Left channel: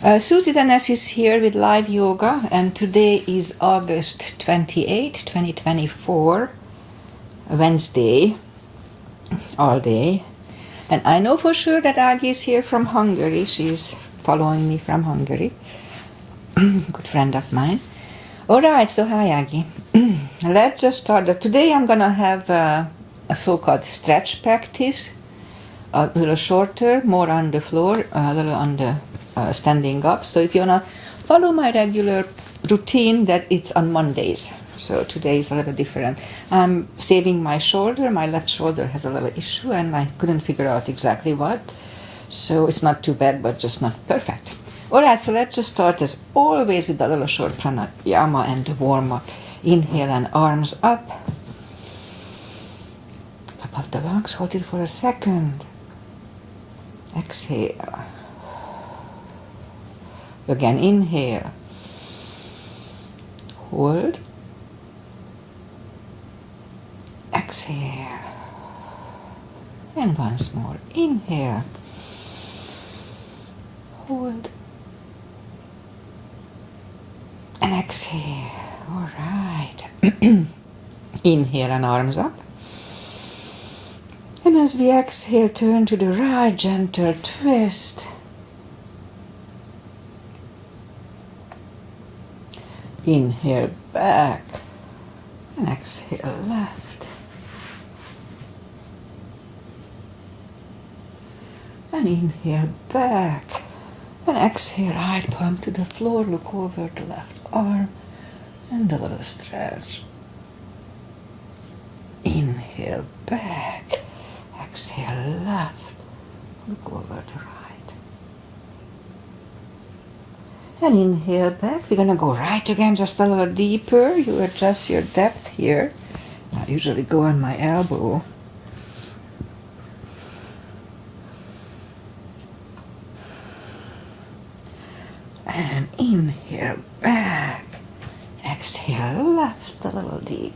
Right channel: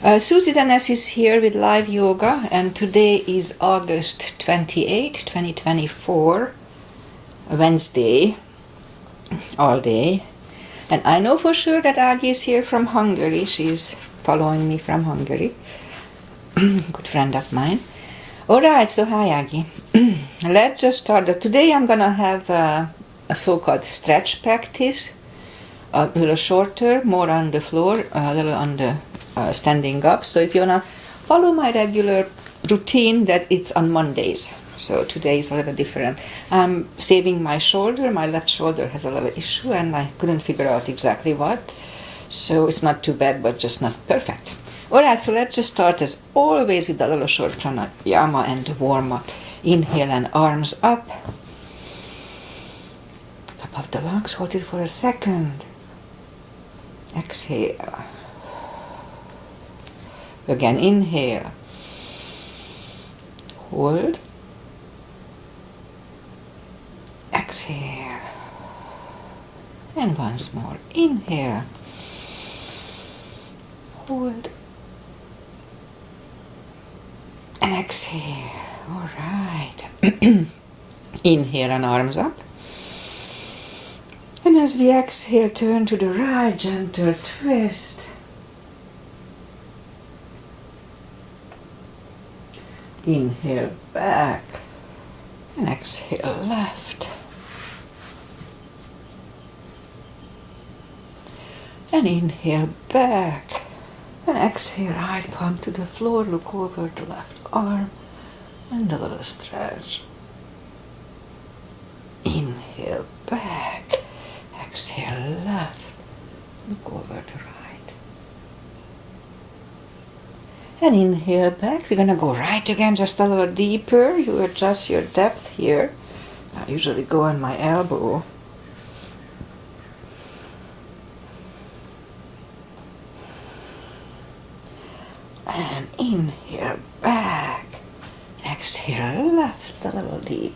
Susie Dennis is here with live yoga, and today is August 28, 2024, Wednesday, all day. And I know for sure that Agi is here from Hungary. She's following me from Hungary. Good friend of mine. Alright, so hi Agi. Let's just start. Today I'm gonna have a so-called stretch practice. A little shorter, more on the floor, a little on the standing up. So if you want to follow my regular routine, that it's on Mondays. So today is a little different. I'm saving my shoulder. My left shoulder has a little issue and I couldn't figure out exactly what. So it's not too bad, but just not perfect. Alright, so let's just start as always with a little short pranayama and warm up. Inhale and arms up. Top of the lungs, hold it for a second. Exhale. Again, inhale. Hold. Exhale. And once more. Inhale. Hold. And exhale. All right. Inhale and arms up. And as we exhale, turn to the right, gentle twist. Inhale back and exhale left. And inhale back and exhale right palm to the floor, look over to left arm and a little stretch. Inhale back. Exhale left, look over to right. And inhale back. We're going to go right again, just a little deeper. You adjust your depth here. I usually go on my elbow. And inhale back. Exhale left, a little deeper.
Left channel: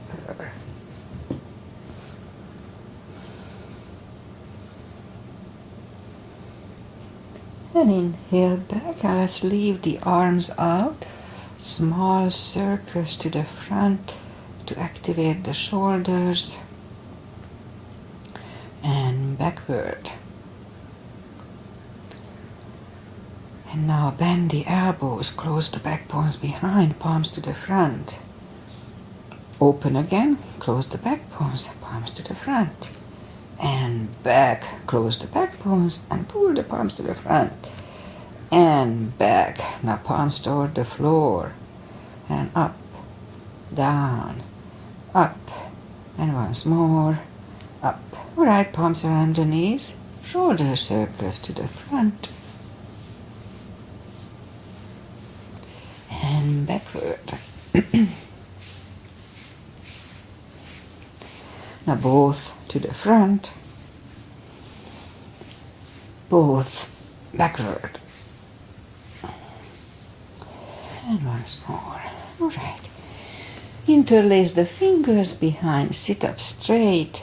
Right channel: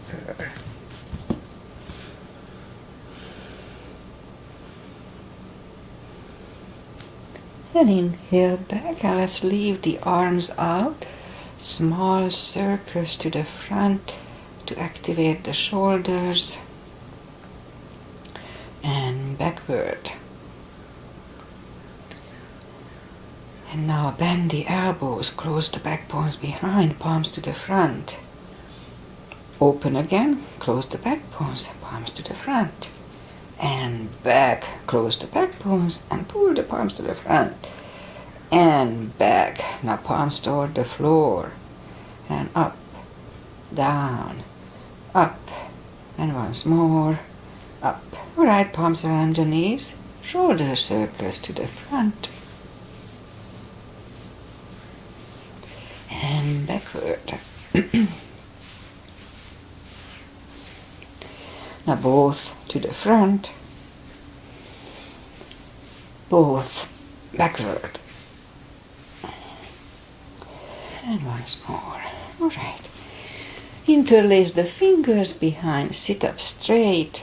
And inhale back, and let's leave the arms out. Small circles to the front to activate the shoulders. And backward. And now bend the elbows, close the back bones behind, palms to the front. Open again, close the back bones, palms to the front. And back, close the back bones and pull the palms to the front. And back, now palms toward the floor. And up, down, up. And once more, up. Alright, palms around the knees, shoulder circles to the front. And backward. Now both to the front, both backward. And once more. All right. Interlace the fingers behind, sit up straight.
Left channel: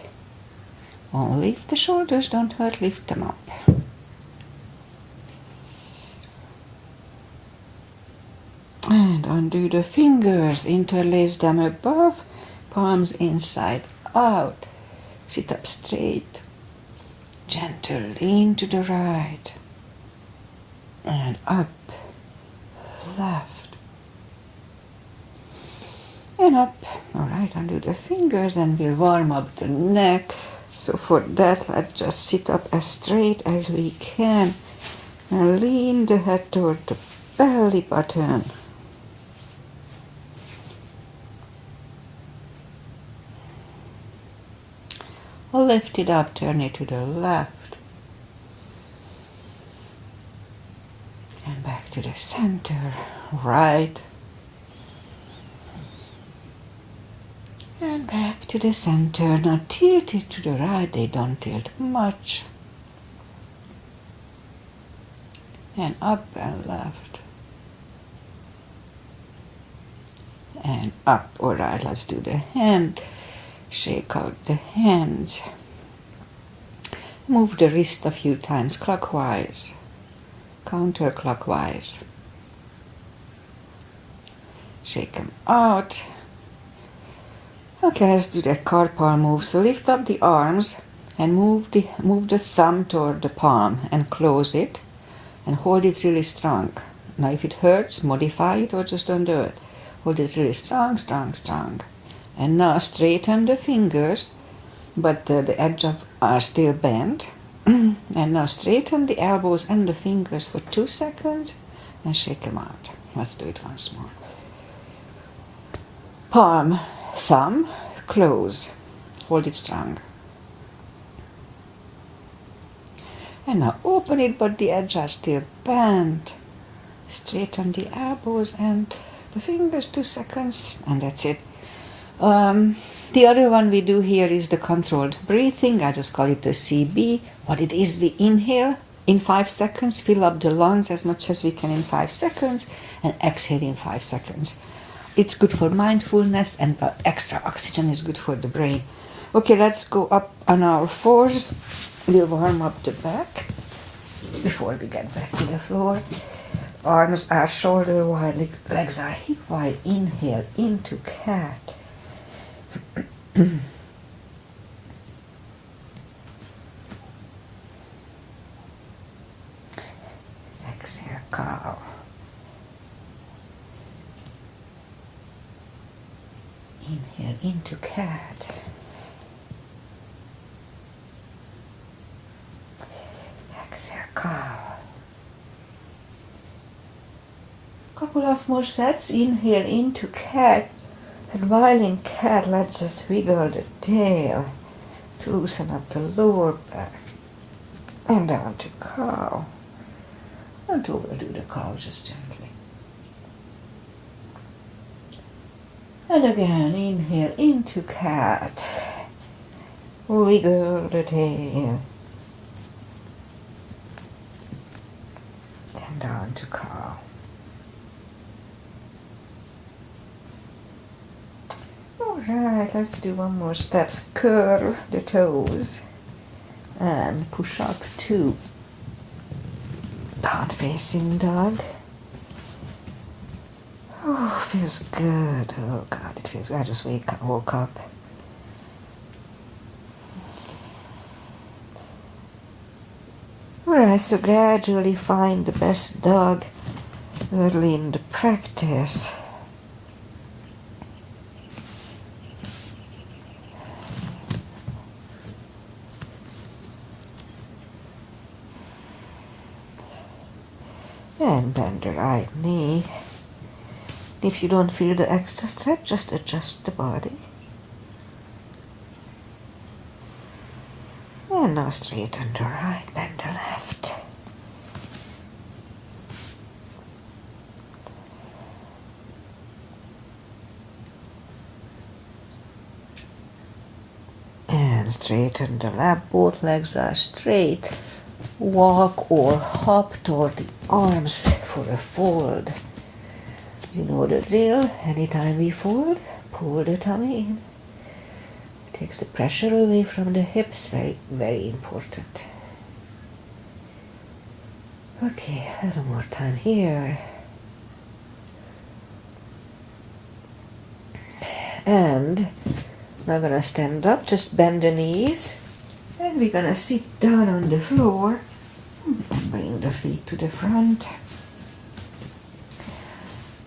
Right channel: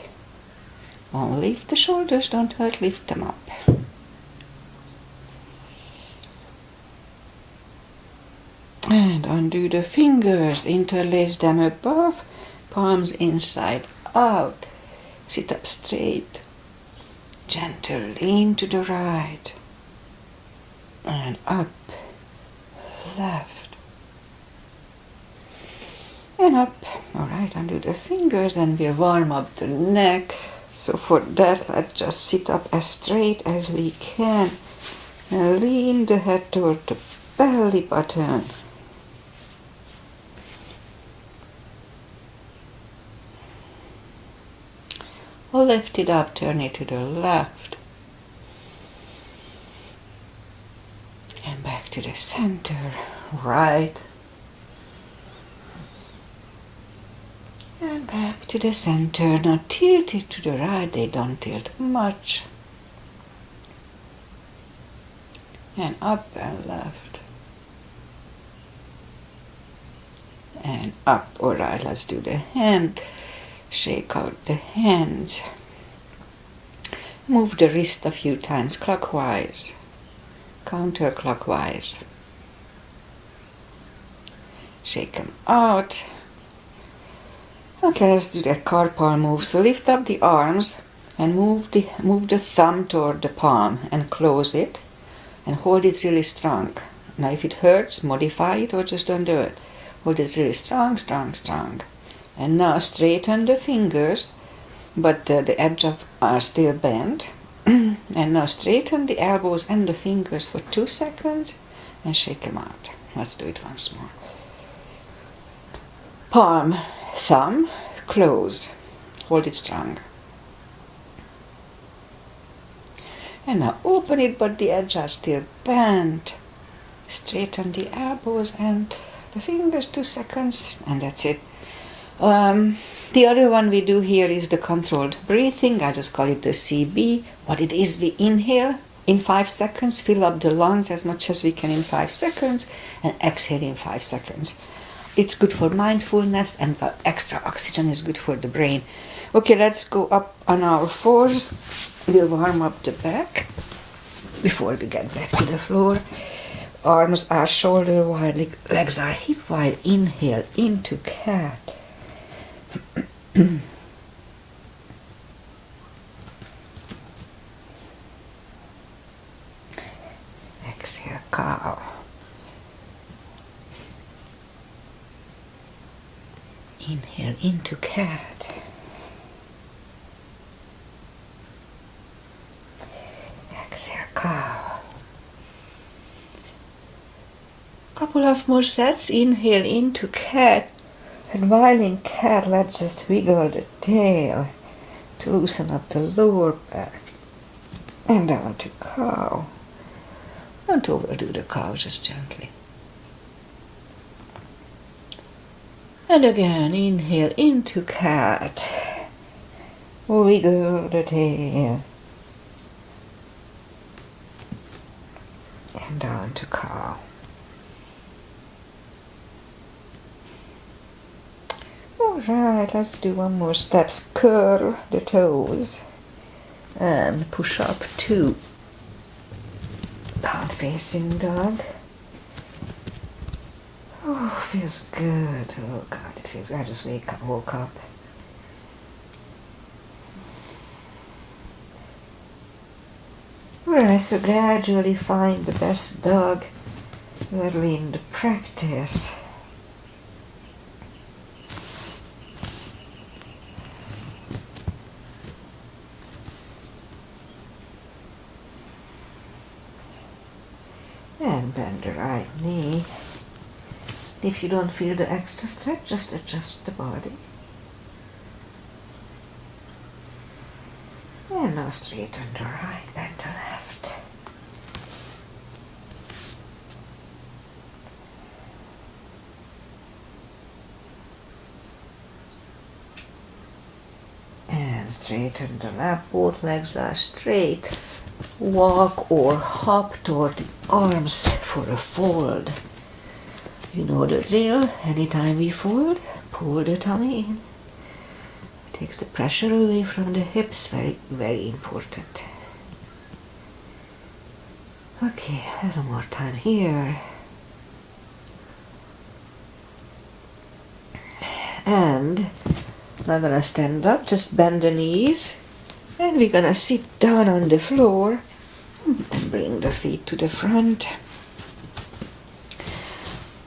Don't lift the shoulders, don't hurt, lift them up. And undo the fingers, interlace them above, palms inside out, sit up straight, gentle lean to the right, and up, left, and up. Alright, undo the fingers and we'll warm up the neck. So for that, let's just sit up as straight as we can, and lean the head toward the belly button. Lift it up, turn it to the left. And back to the center, right. And back to the center. Now tilt it to the right, they don't tilt much. And up and left. And up. Alright, let's do the hand. Shake out the hands. Move the wrist a few times clockwise, counterclockwise. Shake them out. Okay, let's do that carpal move. So lift up the arms and move the thumb toward the palm and close it and hold it really strong. Now if it hurts, modify it or just don't do it. Hold it really strong, strong, strong. And now straighten the fingers, but the edge of are still bent. And now straighten the elbows and the fingers for 2 seconds and shake them out. Let's do it once more. Palm, thumb, close. Hold it strong. And now open it, but the edges are still bent. Straighten the elbows and the fingers 2 seconds, and that's it. The other one we do here is the controlled breathing. I just call it the CB. What it is, we inhale in 5 seconds, fill up the lungs as much as we can in 5 seconds, and exhale in 5 seconds. It's good for mindfulness, and extra oxygen is good for the brain. Okay, let's go up on our fours. We'll warm up the back before we get back to the floor. Arms are shoulder wide, legs are hip wide. Inhale into cat. Exhale, cow. Inhale into cat. Exhale, cow. Couple of more sets. Inhale into cat. And while in cat, let's just wiggle the tail to loosen up the lower back. And down to cow. Don't overdo the cow, just gently. And again, inhale into cat. Wiggle the tail. And down to cow. Alright, let's do one more step. Curl the toes. And push up to down facing dog. Oh, feels good. Oh God, it feels good. I just woke up. Alright, so gradually find the best dog early in the practice. And bend the right knee. If you don't feel the extra stretch, just adjust the body. And now straighten the right, bend the left. And straighten the left, both legs are straight. Walk or hop toward the arms for a fold. You know the drill. Anytime we fold, pull the tummy in. Takes the pressure away from the hips. Very, very important. Okay, a little more time here. And I'm gonna stand up, just bend the knees. And we're gonna sit down on the floor and bring the feet to the front.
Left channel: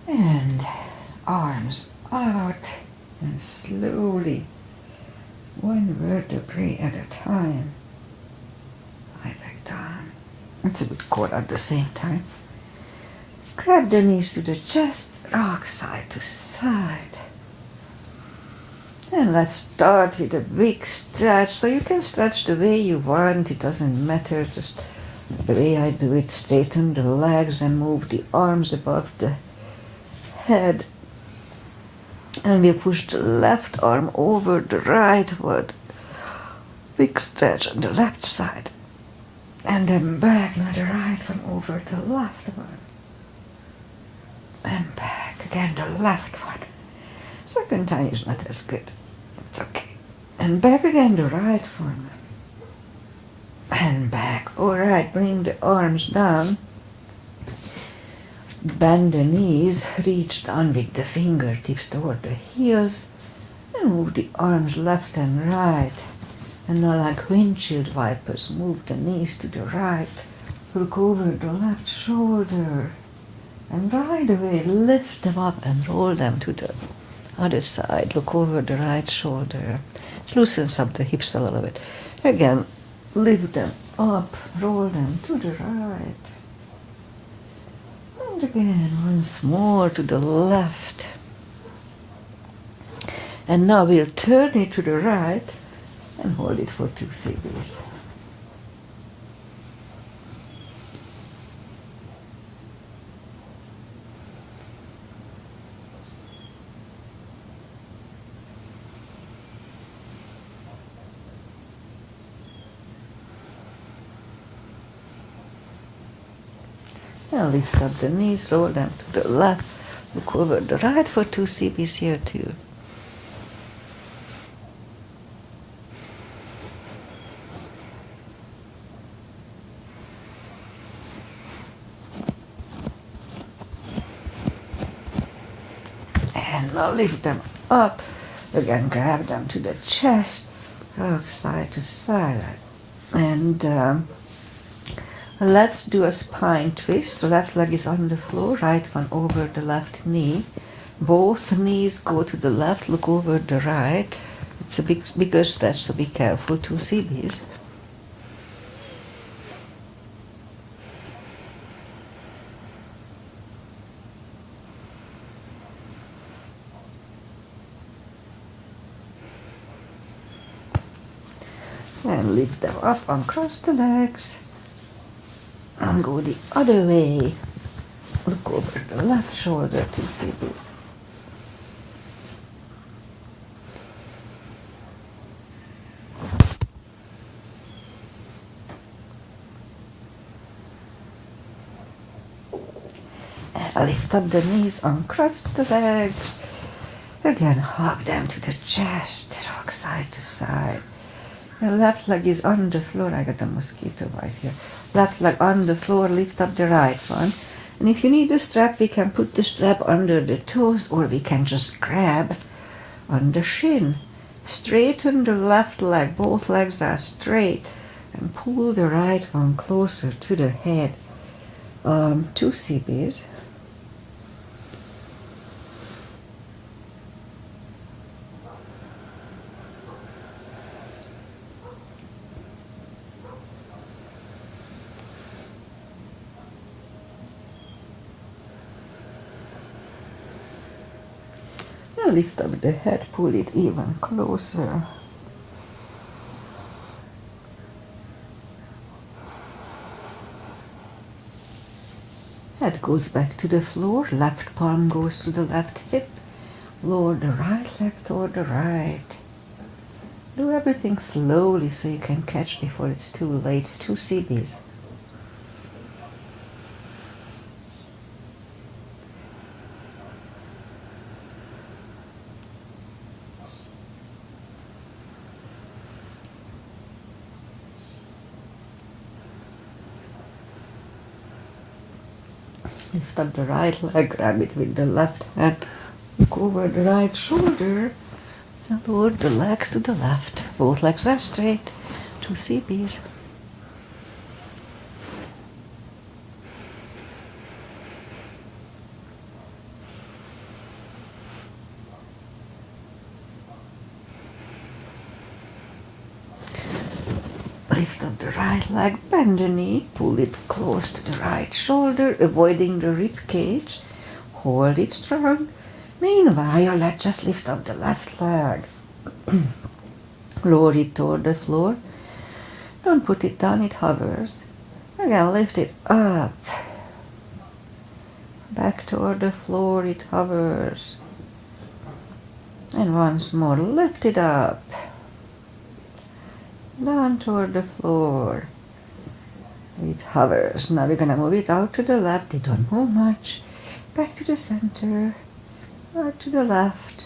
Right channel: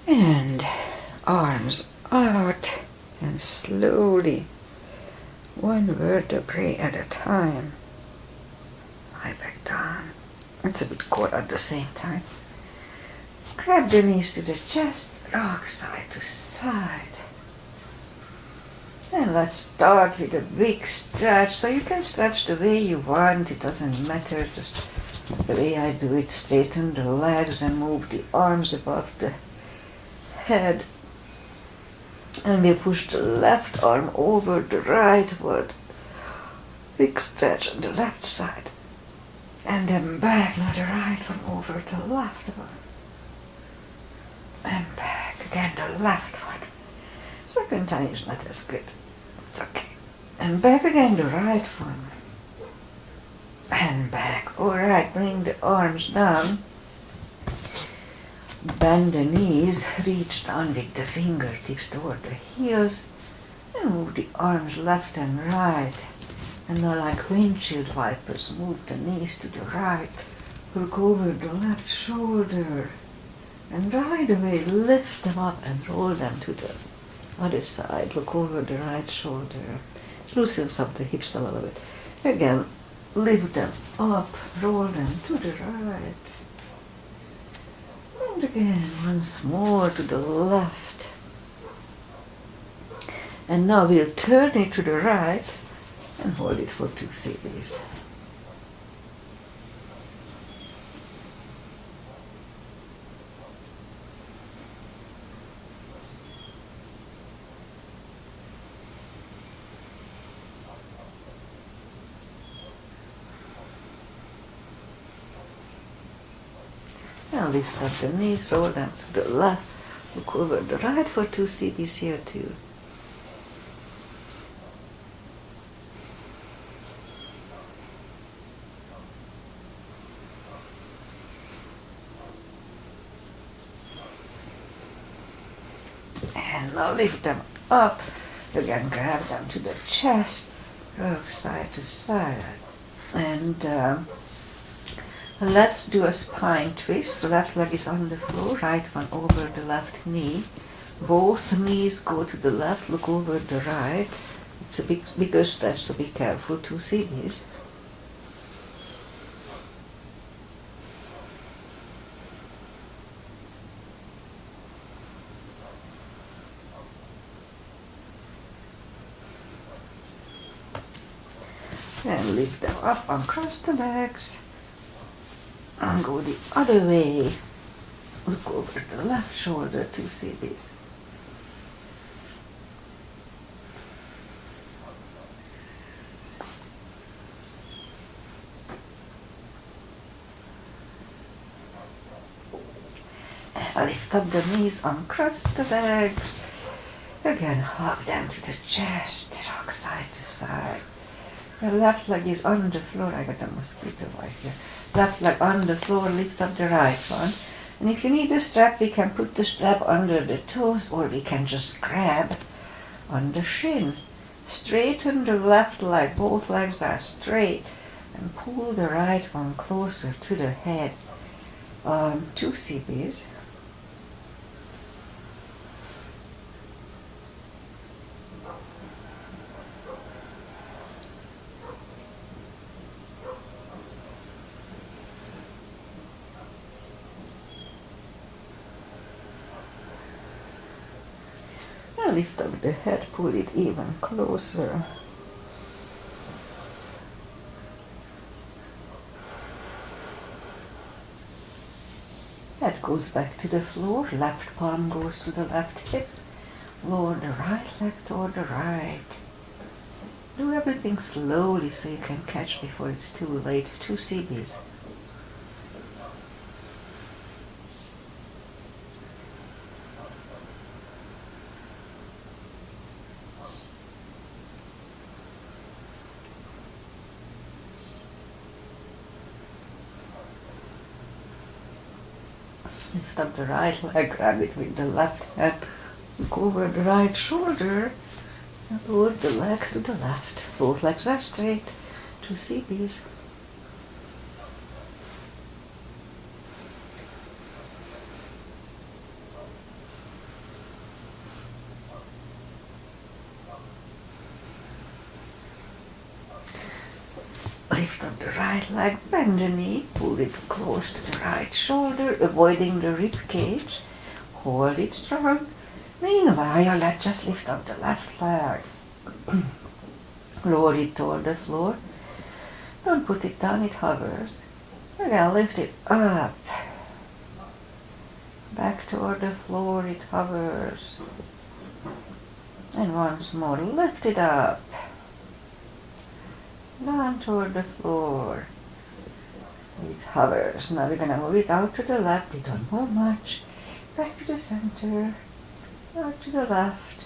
And arms out and slowly, one vertebrae at a time, lie back down. It's a bit core at the same time. Grab the knees to the chest, rock side to side. And let's start with a big stretch. So you can stretch the way you want, it doesn't matter. Just the way I do it, straighten the legs and move the arms above the head. And we push the left arm over the right one. Big stretch on the left side. And then back, now the right one over the left one. And back, again the left one. Second time is not as good. It's okay. And back again the right one. And back. Alright, bring the arms down. Bend the knees, reach down with the fingertips toward the heels, and move the arms left and right. And now, like windshield wipers, move the knees to the right. Look over the left shoulder. And right away, lift them up and roll them to the other side. Look over the right shoulder. It loosens up the hips a little bit. Again, lift them up, roll them to the right. And again, once more to the left. And now we'll turn it to the right and hold it for 2 seconds. Now lift up the knees, roll them to the left, look over the right for 2 CBs here too. And now lift them up, again grab them to the chest, rock side to side. And let's do a spine twist. So left leg is on the floor, right one over the left knee. Both knees go to the left, look over the right. It's a bigger stretch, so be careful, 2 CBs. And lift them up, uncross the legs. And go the other way. Look over the left shoulder, 2 CBs. And lift up the knees, uncross the legs. Again, hug them to the chest, rock side to side. Your left leg is on the floor. I got a mosquito right here. Left leg on the floor, lift up the right one. And if you need a strap, we can put the strap under the toes, or we can just grab on the shin. Straighten the left leg, both legs are straight, and pull the right one closer to the head. 2 CBs. Lift up the head, pull it even closer. Head goes back to the floor, left palm goes to the left hip. Lower the right leg toward the right. Do everything slowly so you can catch before it's too late. 2 CBs. Lift up the right leg, grab it with the left hand, look over the right shoulder, and lower the legs to the left. Both legs are straight, 2 CBs. Lift up the right leg, bend the knee, pull it close to the right shoulder, avoiding the rib cage. Hold it strong. Meanwhile, let's just lift up the left leg. Lower it toward the floor. Don't put it down, it hovers. Again, lift it up. Back toward the floor, it hovers. And once more, lift it up. Down toward the floor. It hovers. Now we're going to move it out to the left. It don't move much. Back to the center. Out to the left.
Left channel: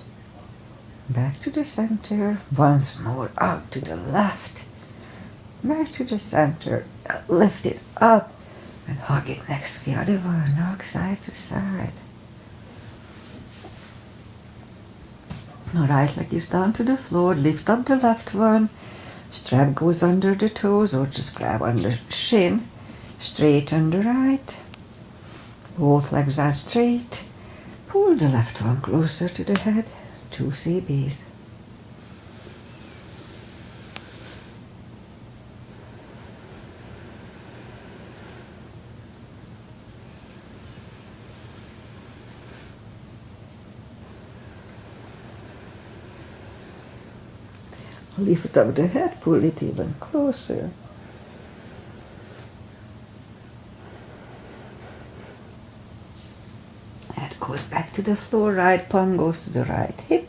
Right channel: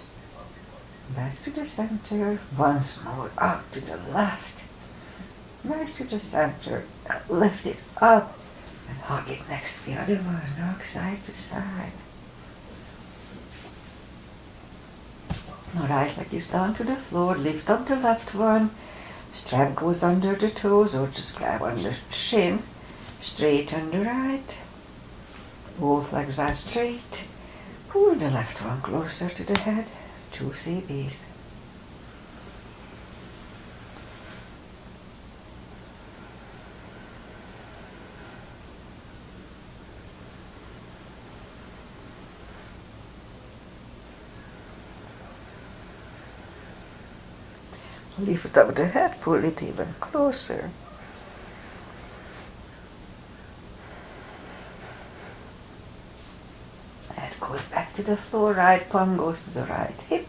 Back to the center. Once more out to the left. Back to the center. Lift it up. And hug it next to the other one, rock side to side. Now right leg is down to the floor, lift up the left one, strap goes under the toes or just grab on the shin, straighten the right, both legs are straight, pull the left one closer to the head, 2 CBs. Lift up the head, pull it even closer. Head goes back to the floor, right palm goes to the right hip.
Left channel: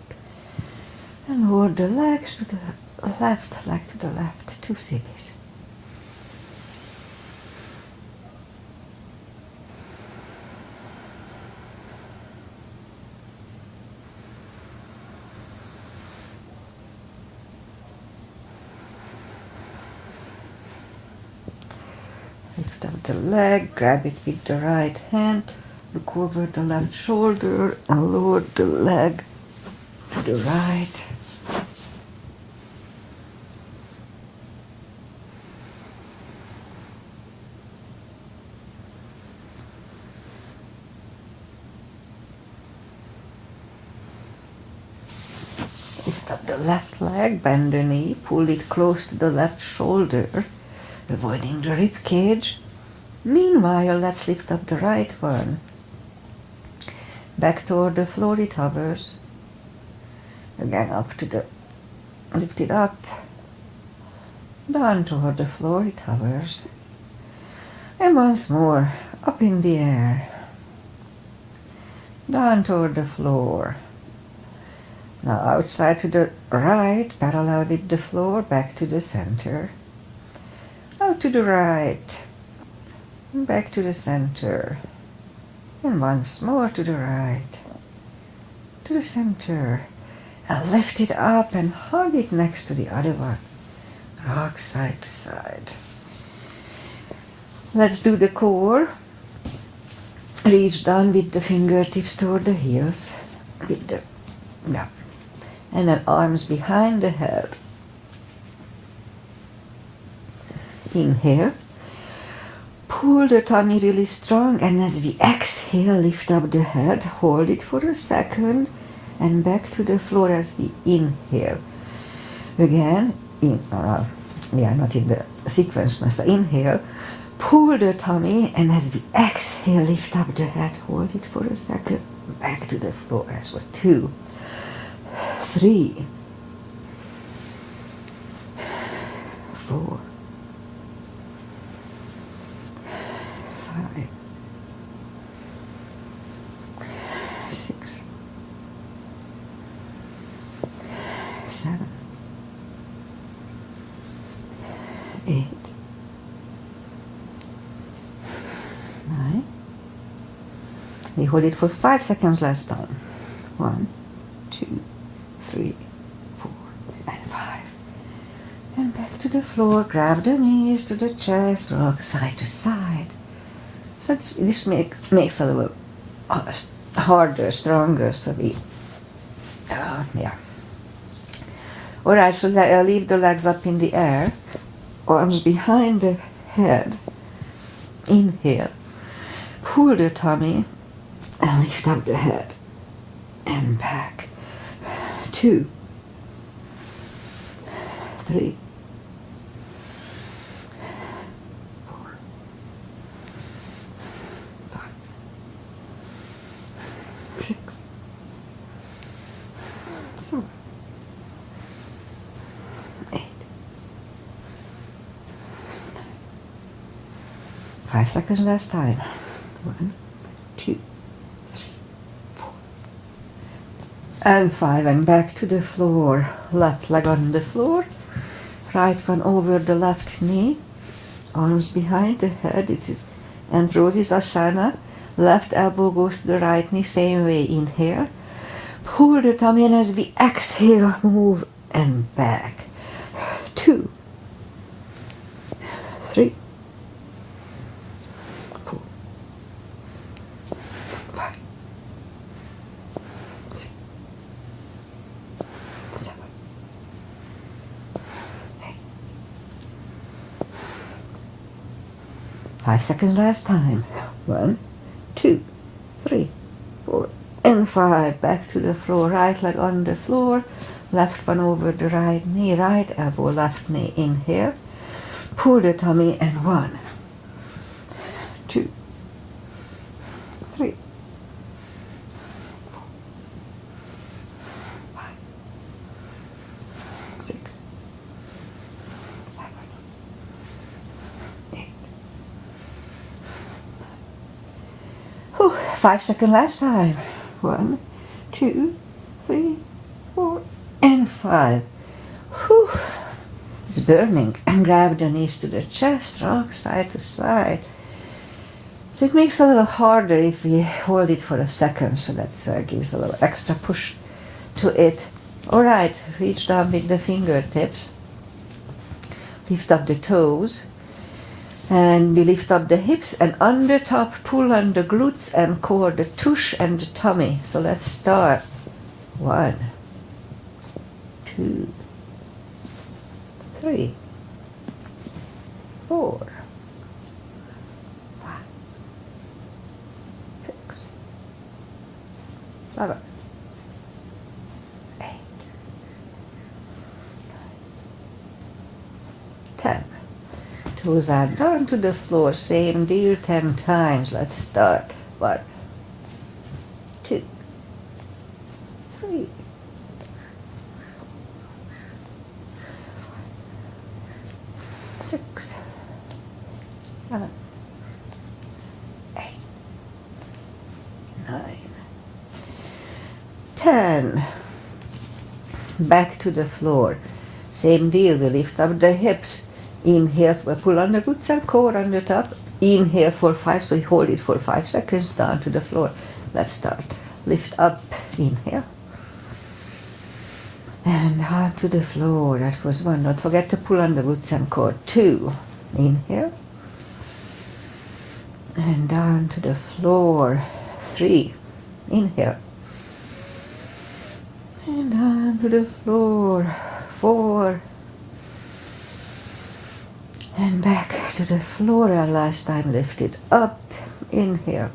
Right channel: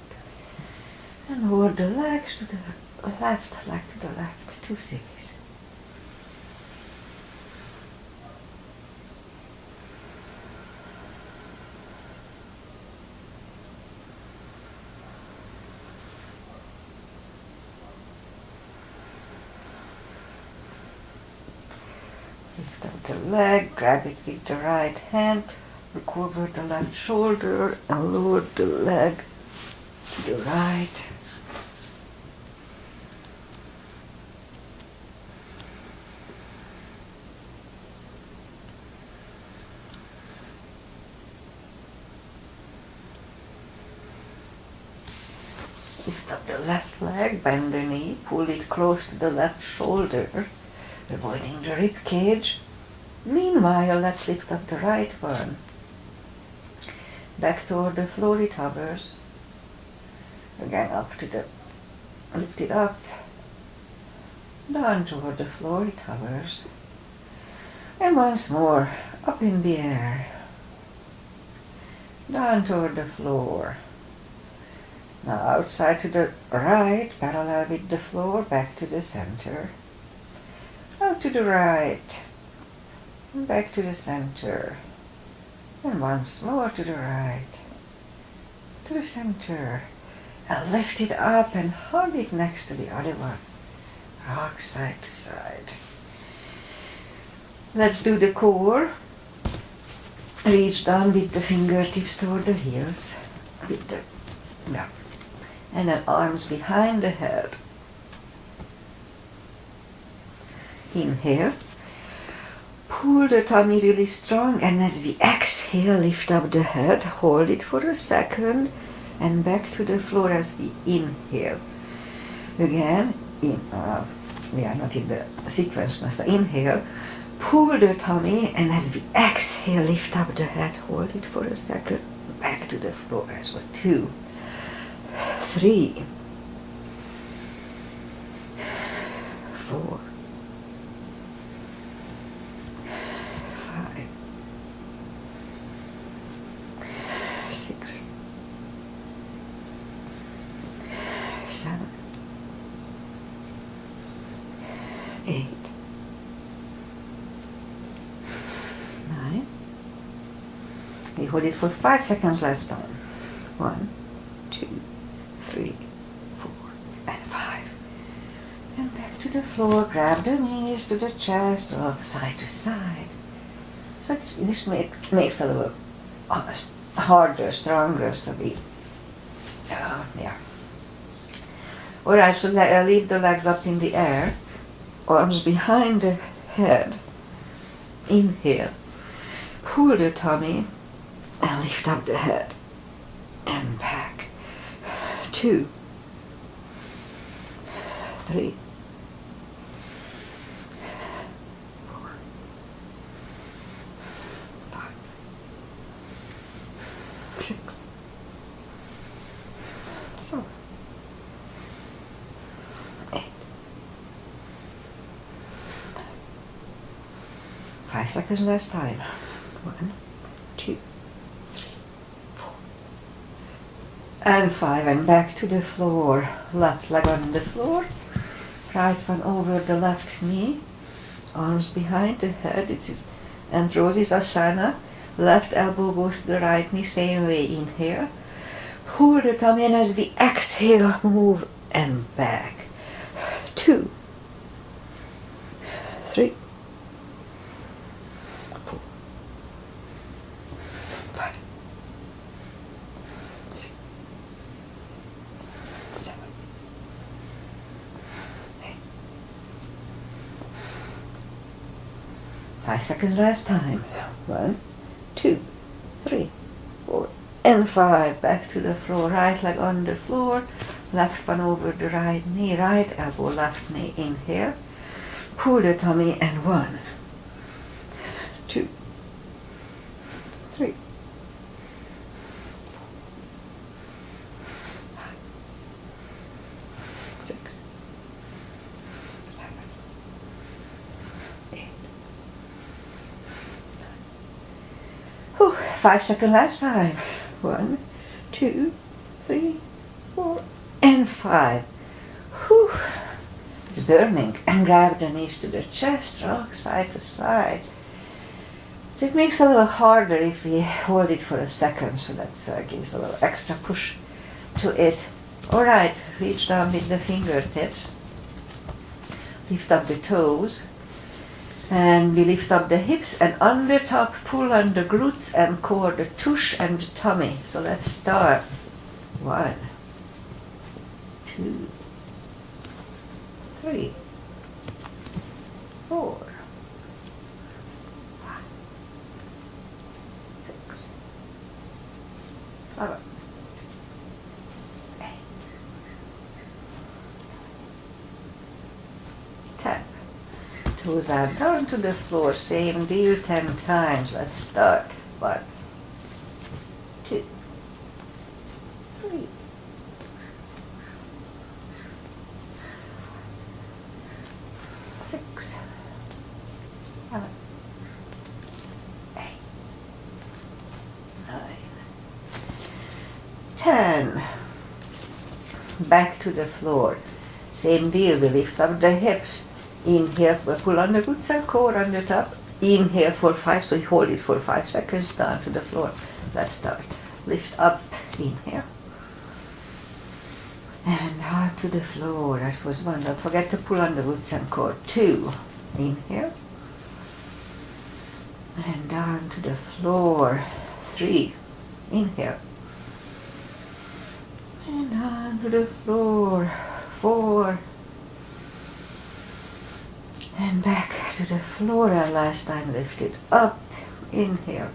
And hold the legs to the left, leg to the left, 2 CBs. Lift up the leg, grab it with the right hand, look over the left shoulder and lower the leg to the right. Lift up the left leg, bend the knee, pull it close to the left shoulder, avoiding the rib cage. Meanwhile, let's lift up the right one. Back toward the floor it hovers. Again up to the, lift it up. Down toward the floor it hovers. And once more, up in the air. Down toward the floor. Now outside to the right, parallel with the floor, back to the center. Out to the right, back to the center, and once more to the right, to the center, and lift it up and hold it next to the other one, rock side to side. Let's do the core. Reach down with the fingertips toward the heels, with the, yeah, and then arms behind the head. Inhale, pull the tummy really strong, and as we exhale, lift up the head, hold it for a second, and back to the floor as we inhale. Again, we are not in the sequence now, so inhale, pull the tummy, and as we exhale, lift up the head, hold it for a second, back to the floor as well. 2, 3, 4, 5, 6, 7, 8, 9. We hold it for 5 seconds last time. 1, 2, 3, 4, and 5. And back to the floor, grab the knees to the chest, rock side to side. So this makes a little harder, stronger, so we, yeah. Alright, so leave the legs up in the air, arms behind the head. Inhale, pull the tummy, and lift up the head, and back. 2, 3, 4, 5, 6, 7, 8. 5 seconds last time. 1, 2, 3, 4. And 5, and back to the floor. Left leg on the floor. Right one over the left knee. Arms behind the head. This is Androsis Asana. Left elbow goes to the right knee. Same way. Inhale. Pull the tummy, and as we exhale, move and back. 2, 3, 5 seconds last time. 1, 2, 3, 4, and 5. Back to the floor. Right leg on the floor. Left one over the right knee. Right elbow, left knee in here. Pull the tummy and 1, 2, 3, 5, 6, 7, 8. 5 seconds last time. 1, 2, 3, 4, and 5. Whew. It's burning. And grab the knees to the chest, rock side to side. So it makes it a little harder if we hold it for a second, so that gives a little extra push to it. Alright, reach down with the fingertips. Lift up the toes. And we lift up the hips and under top pull on the glutes and core, the tush and the tummy. So let's start. 1, 2, 3, 4, 5, 6, 7, 8, 10. Toes are down to the floor, same deal 10 times. Let's start. 1, 2, 3, 6, 7, 8, 9, 10. Back to the floor. Same deal, we lift up the hips. Inhale, pull on the glutes and core on the top. Inhale for 5, so you hold it for 5 seconds, down to the floor. Let's start. Lift up, inhale. And down to the floor. That was 1. Don't forget to pull on the glutes and core. 2, inhale. And down to the floor. 3, inhale. And down to the floor. 4. And back to the floor, and last time lift it up, inhale.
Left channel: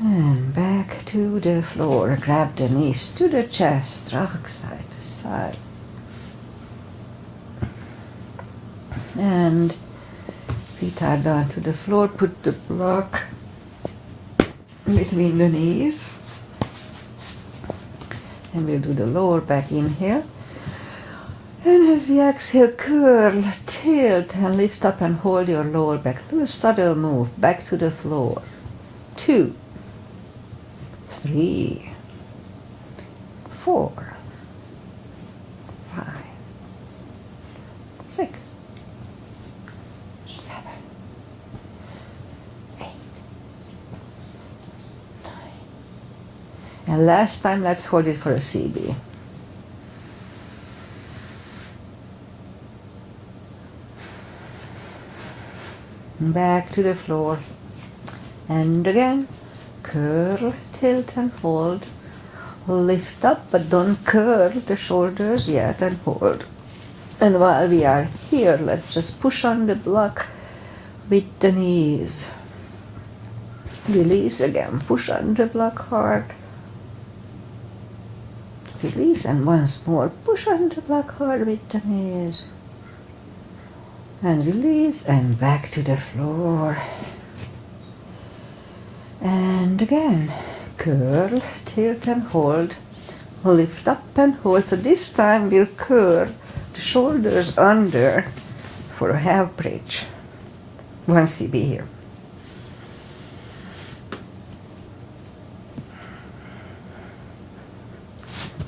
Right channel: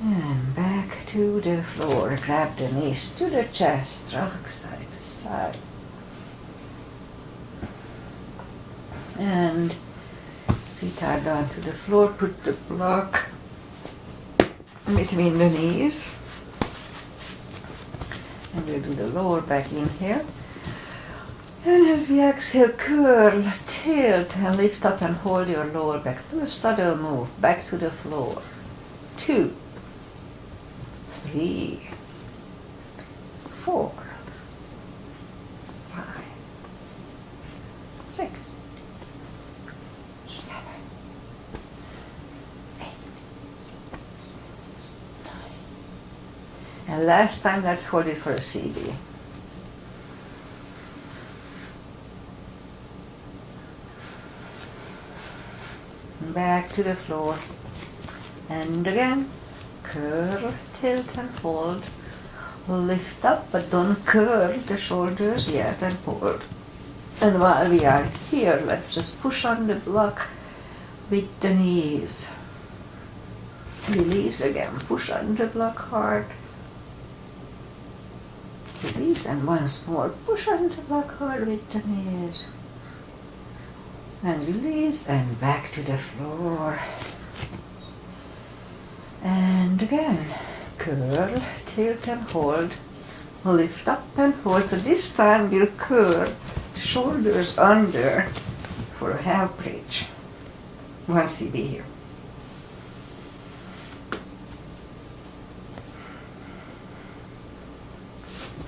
And back to the floor, grab the knees to the chest, rock side to side. And feet are down to the floor, put the block between the knees. And we'll do the lower back inhale. And as we exhale, curl, tilt, and lift up and hold your lower back. Do a subtle move back to the floor. 2, 3, 4, 5, 6, 7, 8, 9. And last time, let's hold it for a CB. Back to the floor. And again, curl, tilt and hold. Lift up, but don't curl the shoulders yet, and hold. And while we are here, let's just push on the block with the knees. Release again, push on the block hard. Release, and once more, push on the block hard with the knees. And release, and back to the floor. And again, curl, tilt and hold. Lift up and hold. So this time we'll curl the shoulders under for a half bridge. 1 CB here.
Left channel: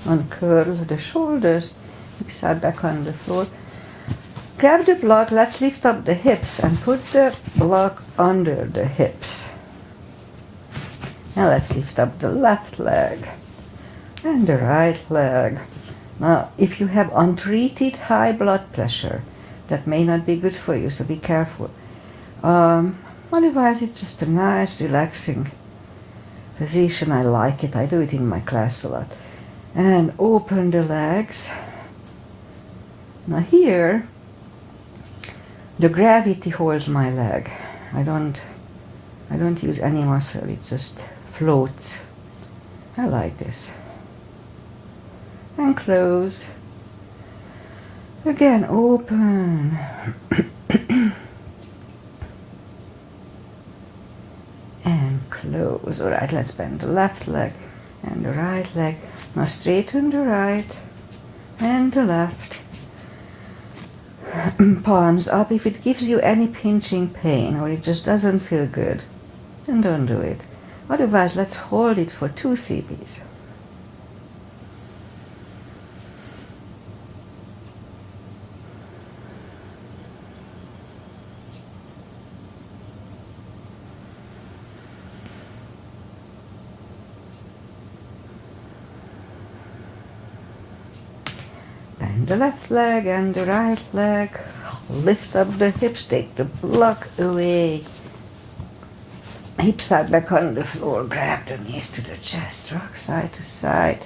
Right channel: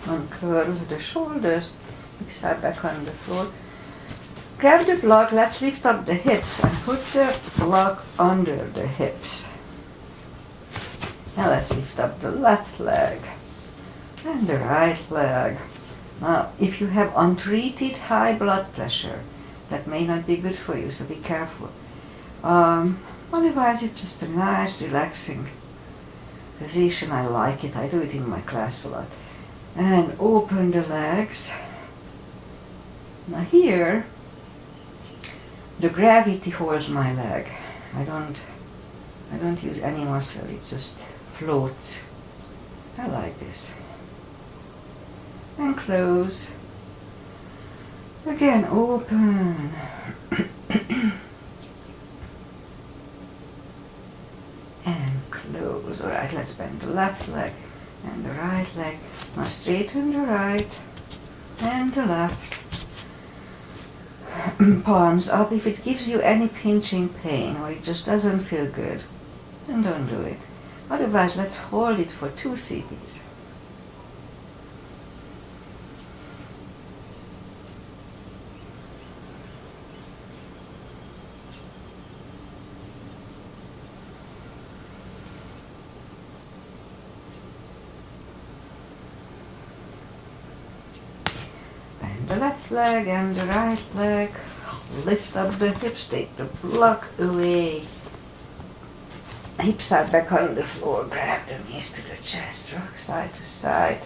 Uncurl the shoulders, hips are back on the floor. Grab the block, let's lift up the hips and put the block under the hips. Now let's lift up the left leg and the right leg. Now, if you have untreated high blood pressure, that may not be good for you, so be careful. Otherwise, it's just a nice, relaxing position. I like it. I do it in my class a lot. And open the legs. Now here, The gravity holds my leg. I don't use any muscle, it just floats. I like this. And close. Again, open. And close. Alright, let's bend the left leg and the right leg. Now straighten the right and the left. Palms up. If it gives you any pinching pain or it just doesn't feel good, then don't do it. Otherwise, let's hold it for 2 CBs. Bend the left leg and the right leg. Lift up the hips, take the block away. Hips are back on the floor, grab the knees to the chest, rock side to side.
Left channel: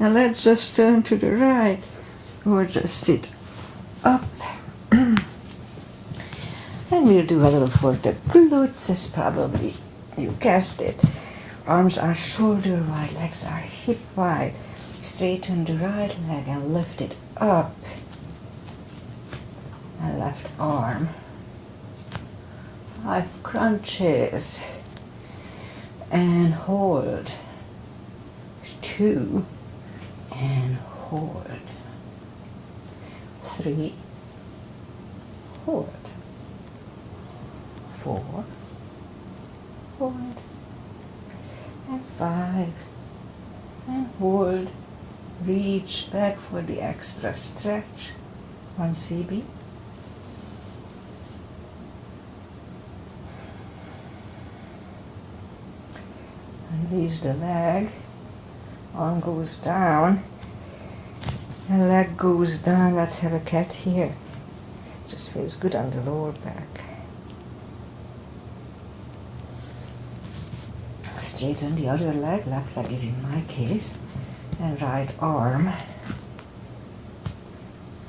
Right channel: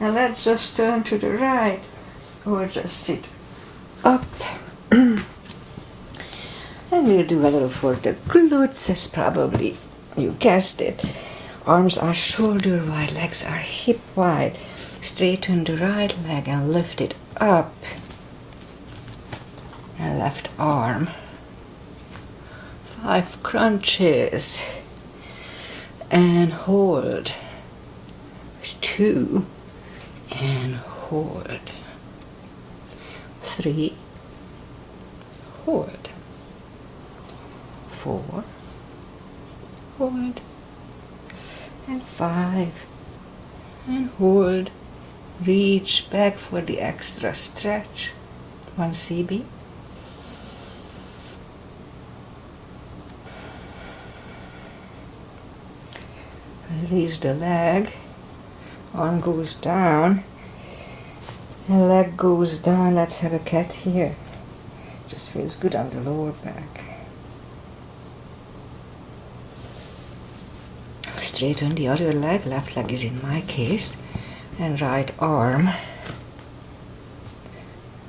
Now let's just turn to the right or just sit up. And we'll do a little for the glutes, as probably you guessed it. Arms are shoulder wide, legs are hip wide. Straighten the right leg and lift it up. And left arm. 5 crunches. And hold. 2. And hold. 3. Hold. 4. Hold. And 5. And hold. Reach back for the extra stretch. 1 CB. Release the leg. Arm goes down. And leg goes down. Let's have a cat here. Just feels good on the lower back. Straighten the other leg. Left leg is in my case. And right arm.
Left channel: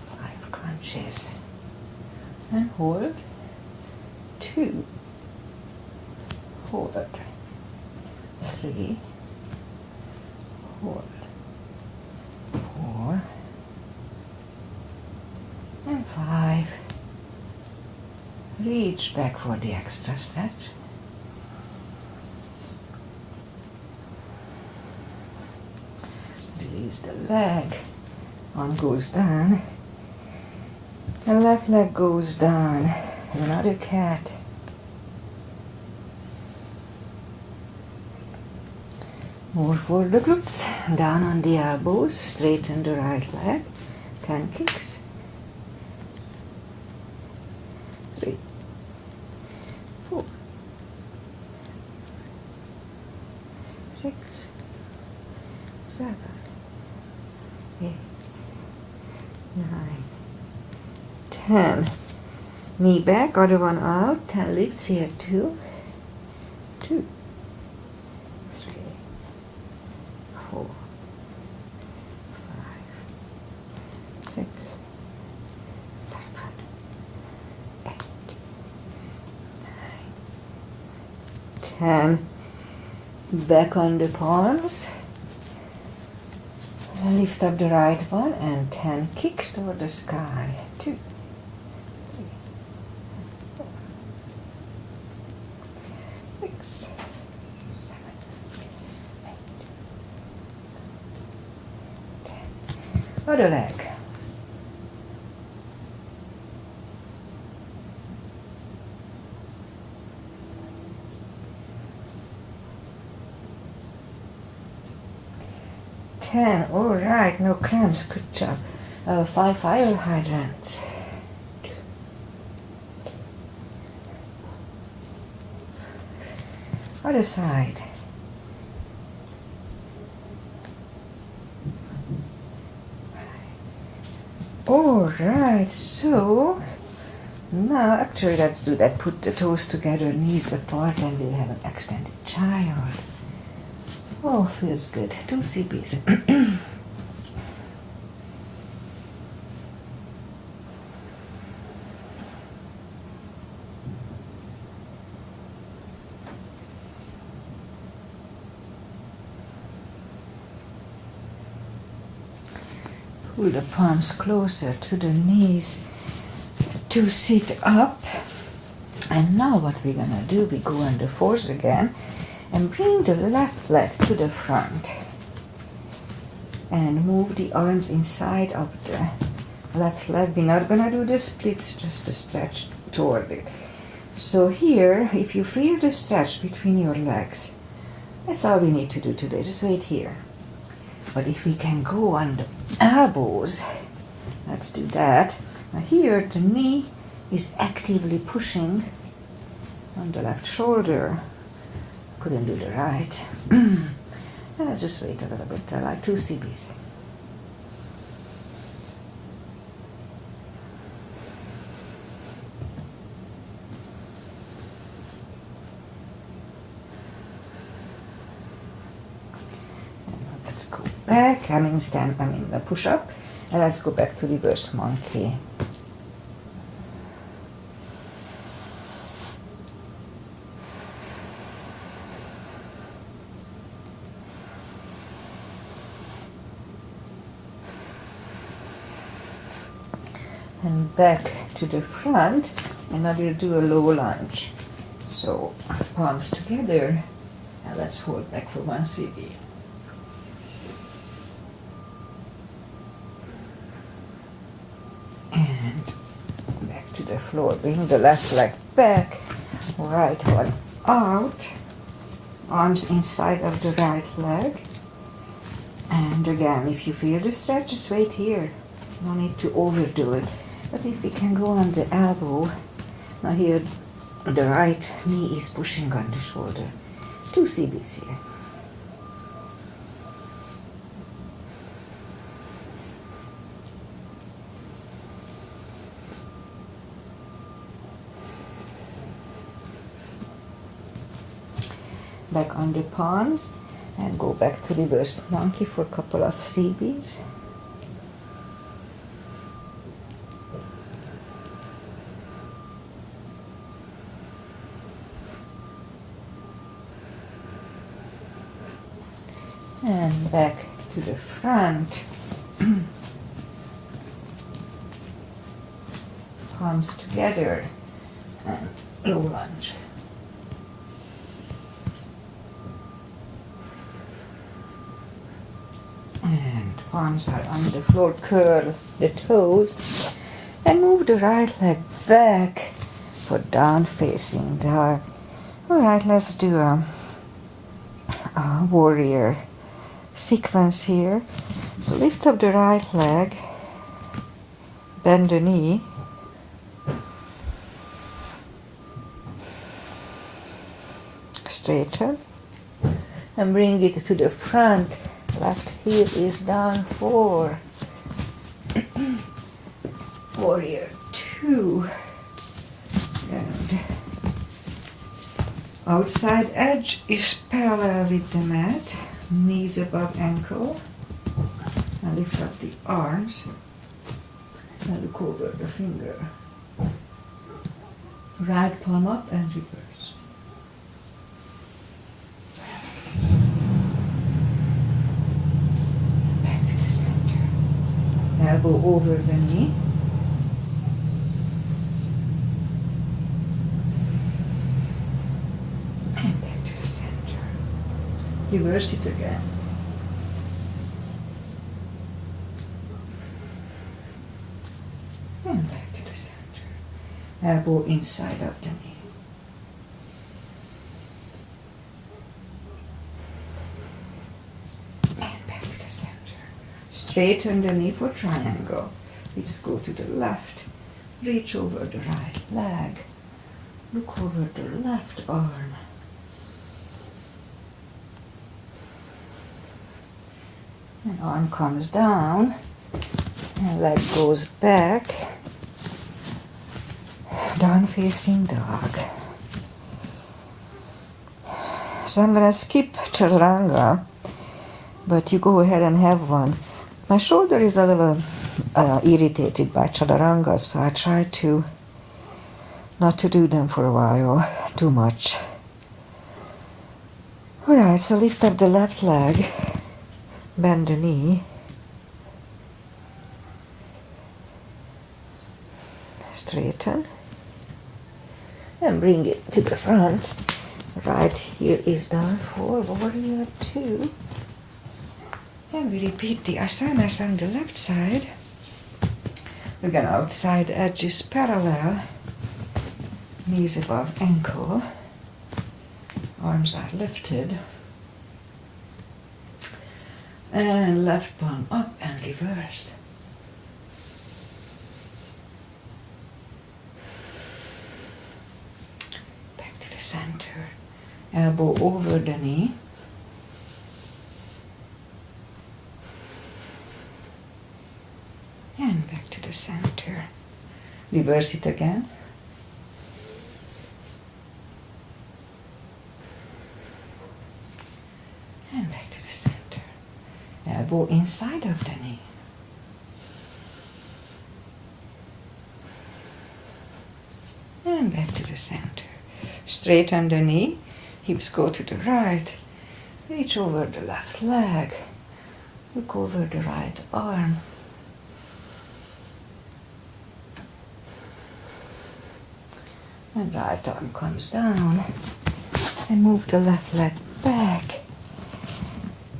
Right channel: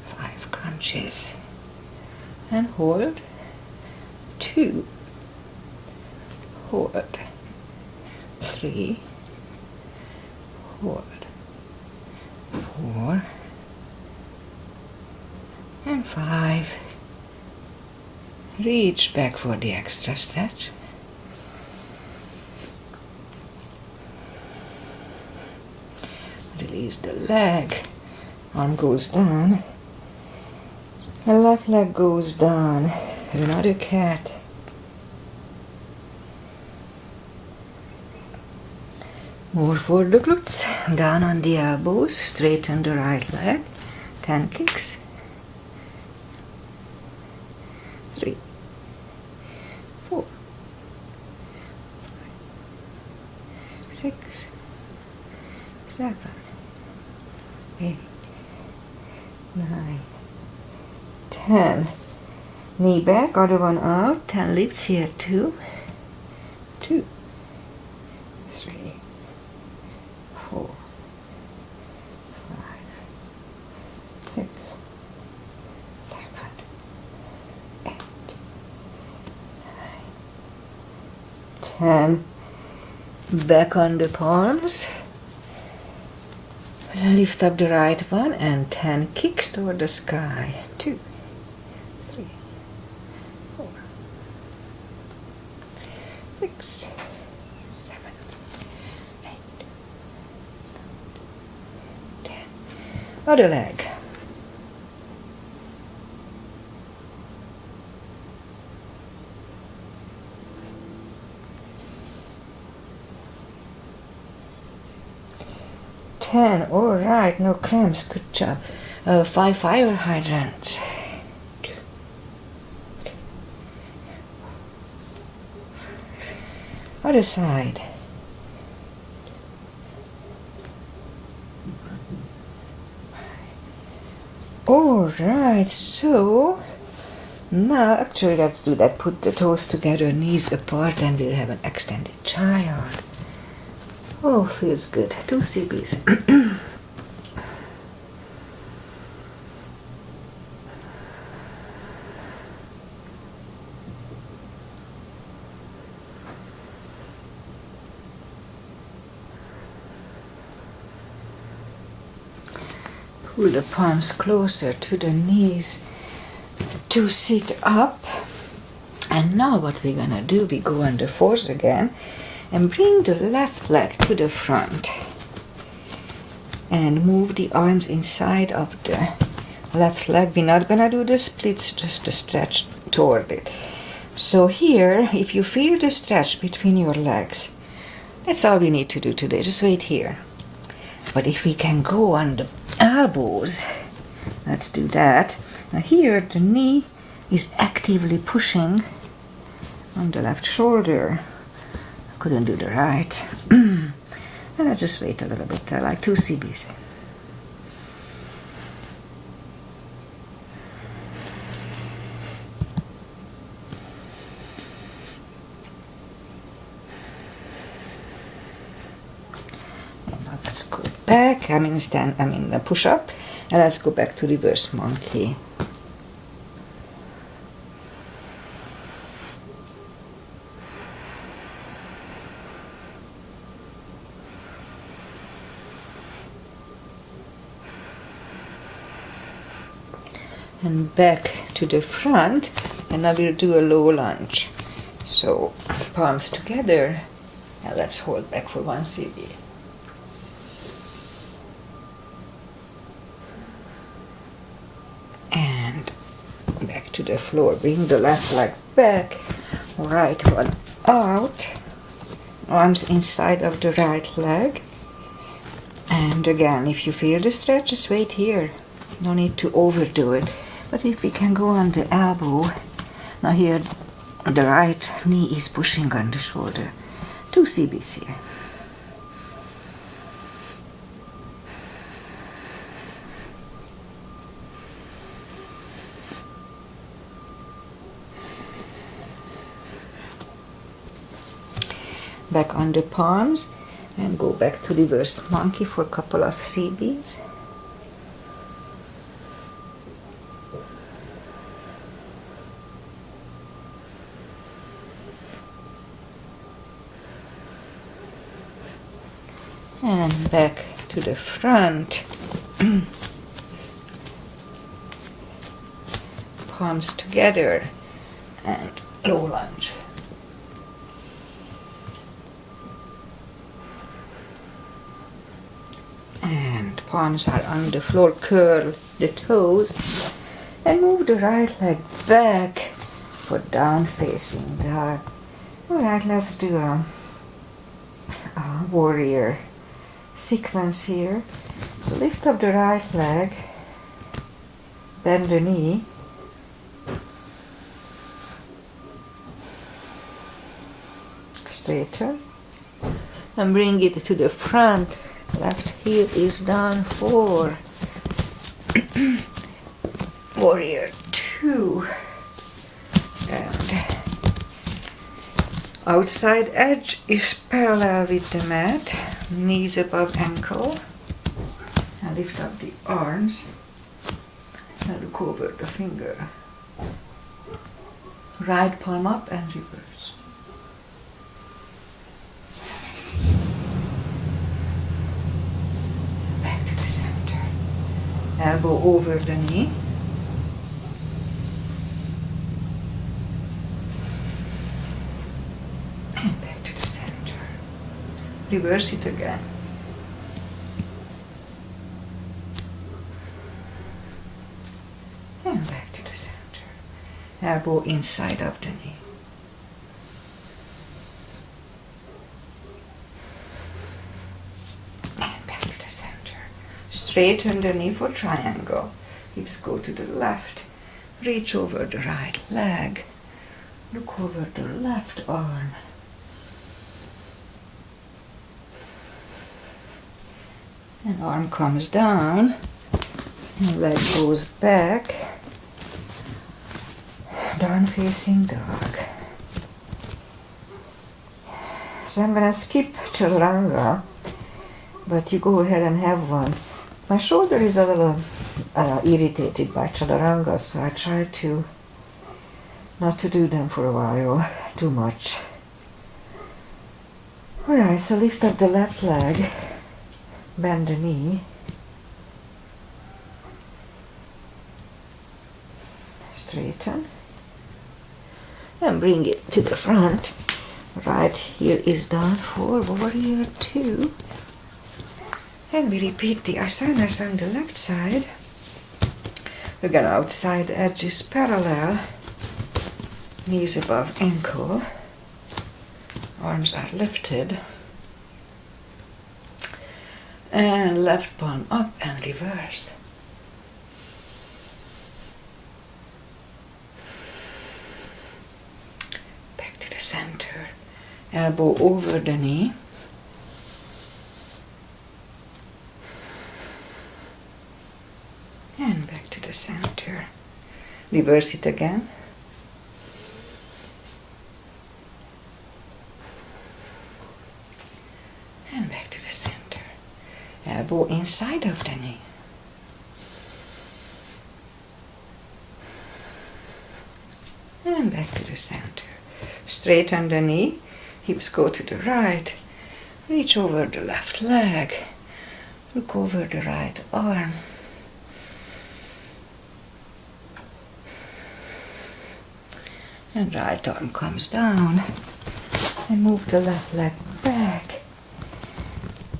5 crunches. And hold. 2. Hold. 3. Hold. 4. And 5. Reach back for the extra stretch. Release the leg. Arm goes down. The left leg goes down. Another cat. More for the glutes. Down on the elbows. Straighten the right leg. 10 kicks. 3. 4. 6. 7. 8, 9, 10. Knee back, other one out. 10 lifts here, 2, 2, 3, 4, 5, 6, 7, 8, 9, 10. Back on the palms. Lift up the right one and 10 kicks toward the sky. 2, 3, 4, 6, 7, 8, 10. Other leg. All right, no cramps, good job. 5 fire hydrants. Other side. All right, so now actually let's do that. Put the toes together, knees apart, and we'll have an extended child. Oh, feels good. 2 CBs. pull the palms closer to the knees to sit up. And now what we're gonna do, we go on the fours again and bring the left leg to the front and move the arms inside of the left leg. We're not gonna do the splits, just the stretch toward it. So here, if you feel the stretch between your legs, that's all we need to do today, just wait here. But if we can go on the elbows, let's do that. Now here, the knee is actively pushing on the left shoulder. Couldn't do the right. And I'll just wait a little bit, like 2 CBs. Let's go back, push up, and let's go back to reverse monkey. And back to the front, and now we'll do a low lunge. So palms together, and let's hold back for 1 CB. And back to the floor. Bring the left leg back, right one out, arms inside of the right leg. And again, if you feel the stretch, just wait here. No need to overdo it. But if we can go on the elbow, now here the right knee is pushing on the shoulder. 2 CBs here. Back on the palms and go back to reverse monkey for a couple of CBs. And back to the front. Palms together and low lunge. And palms are on the floor, curl the toes and move the right leg back for down facing dog. Alright, let's do a warrior sequence here. So lift up the right leg, bend the knee, straighten, and bring it to the front. Left heel is down 4. Warrior 2. And outside edge is parallel with the mat. Knees above ankle. And lift up the arms. And look over the finger. Right palm up and reverse. Elbow over the knee. And back to the center. Reverse it again. And back to the center. Elbow inside of the knee. Straighten the knee for triangle. Hips go to the left. Reach over the right leg. Look over the left arm. And arm comes down. And leg goes back. Down facing dog. So I'm gonna skip chaturanga, but you go ahead and have one. My shoulder is a little irritated by chaturanga, so I try to not to do them for a while, too much. Alright, so lift up the left leg, bend the knee, straighten and bring it to the front. Right here is done for warrior 2. And we repeat the asanas on the left side. Again, outside edge is parallel, knees above ankle, arms are lifted, and left palm up and reversed. Back to the center, elbow over the knee. And back to the center. Reverse it again. And back to the center. Elbow inside of the knee. And back to the center. Straighten the knee. Hips go to the right. Reach over the left leg. Look over the right arm. And right arm comes down. And move the left leg back.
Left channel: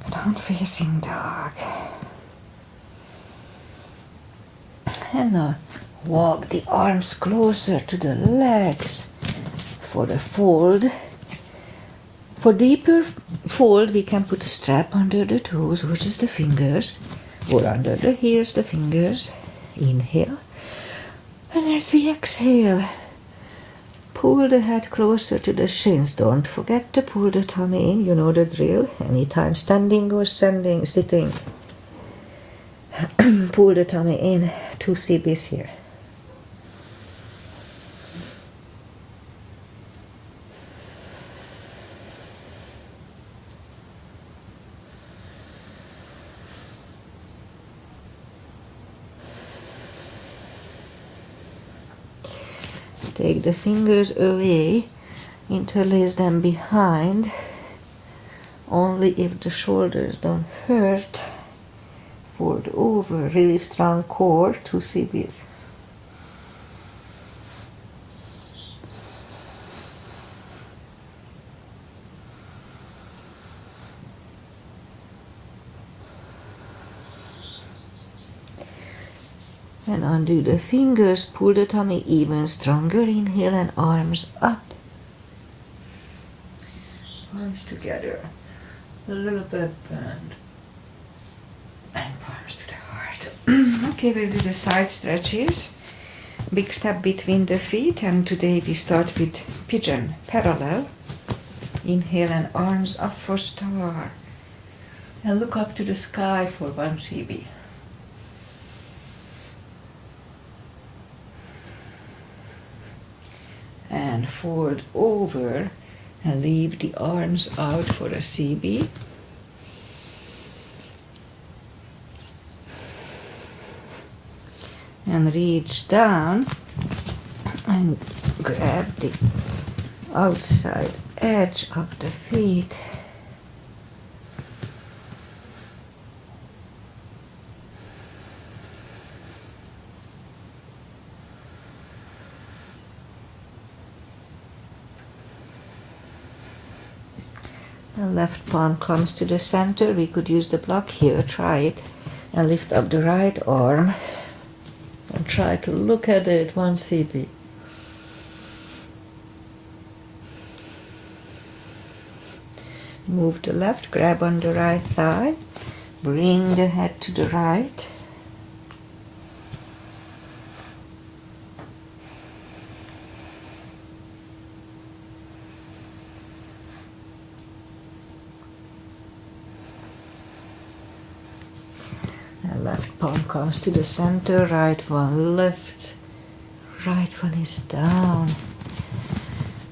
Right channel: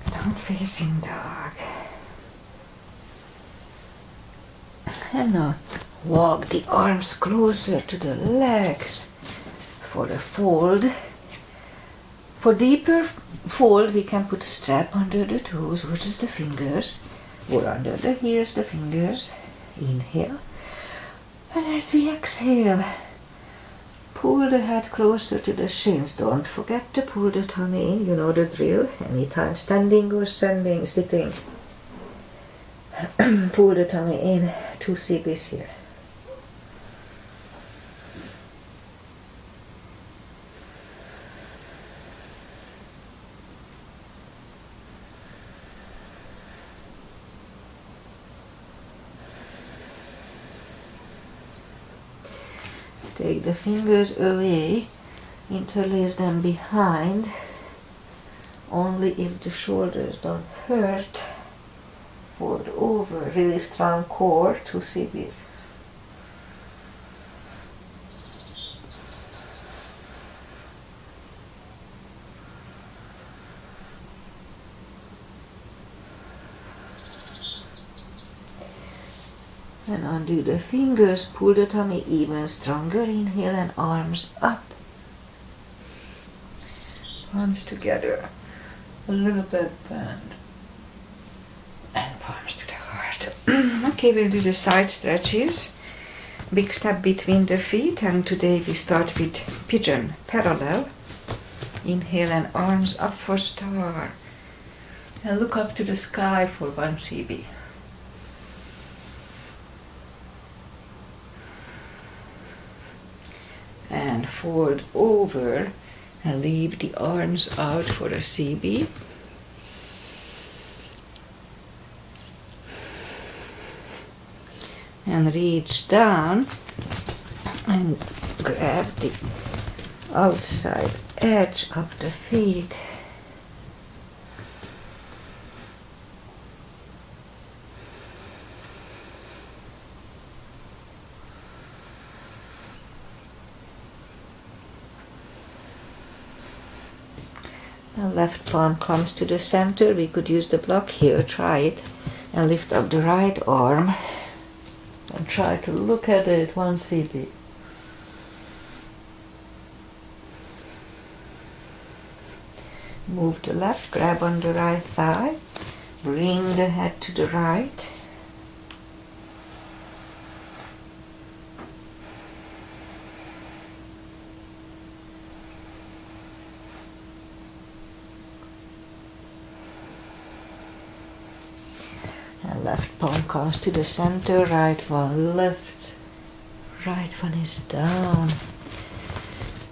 Down facing dog. And now walk the arms closer to the legs for the fold. For deeper fold, we can put a strap under the toes versus the fingers, or under the heels, the fingers. Inhale. And as we exhale, pull the head closer to the shins. Don't forget to pull the tummy in. You know the drill. Anytime standing or sitting. Pull the tummy in. 2 CBs here. Take the fingers away, interlace them behind, only if the shoulders don't hurt. Fold over, really strong core, 2 CBs. And undo the fingers, pull the tummy even stronger, inhale and arms up. Palms together, a little bit bend. And palms to the heart. Okay, we'll do the side stretches. Big step between the feet, and today we start with pigeon, parallel. Inhale and arms up for star. And look up to the sky for 1 CB. And fold over and leave the arms out for a CB. And reach down and grab the outside edge of the feet. The left palm comes to the center. We could use the block here, try it, and lift up the right arm and try to look at it 1 CB. Move the left, grab on the right thigh, bring the head to the right. And left palm comes to the center, right one lifts, right one is down.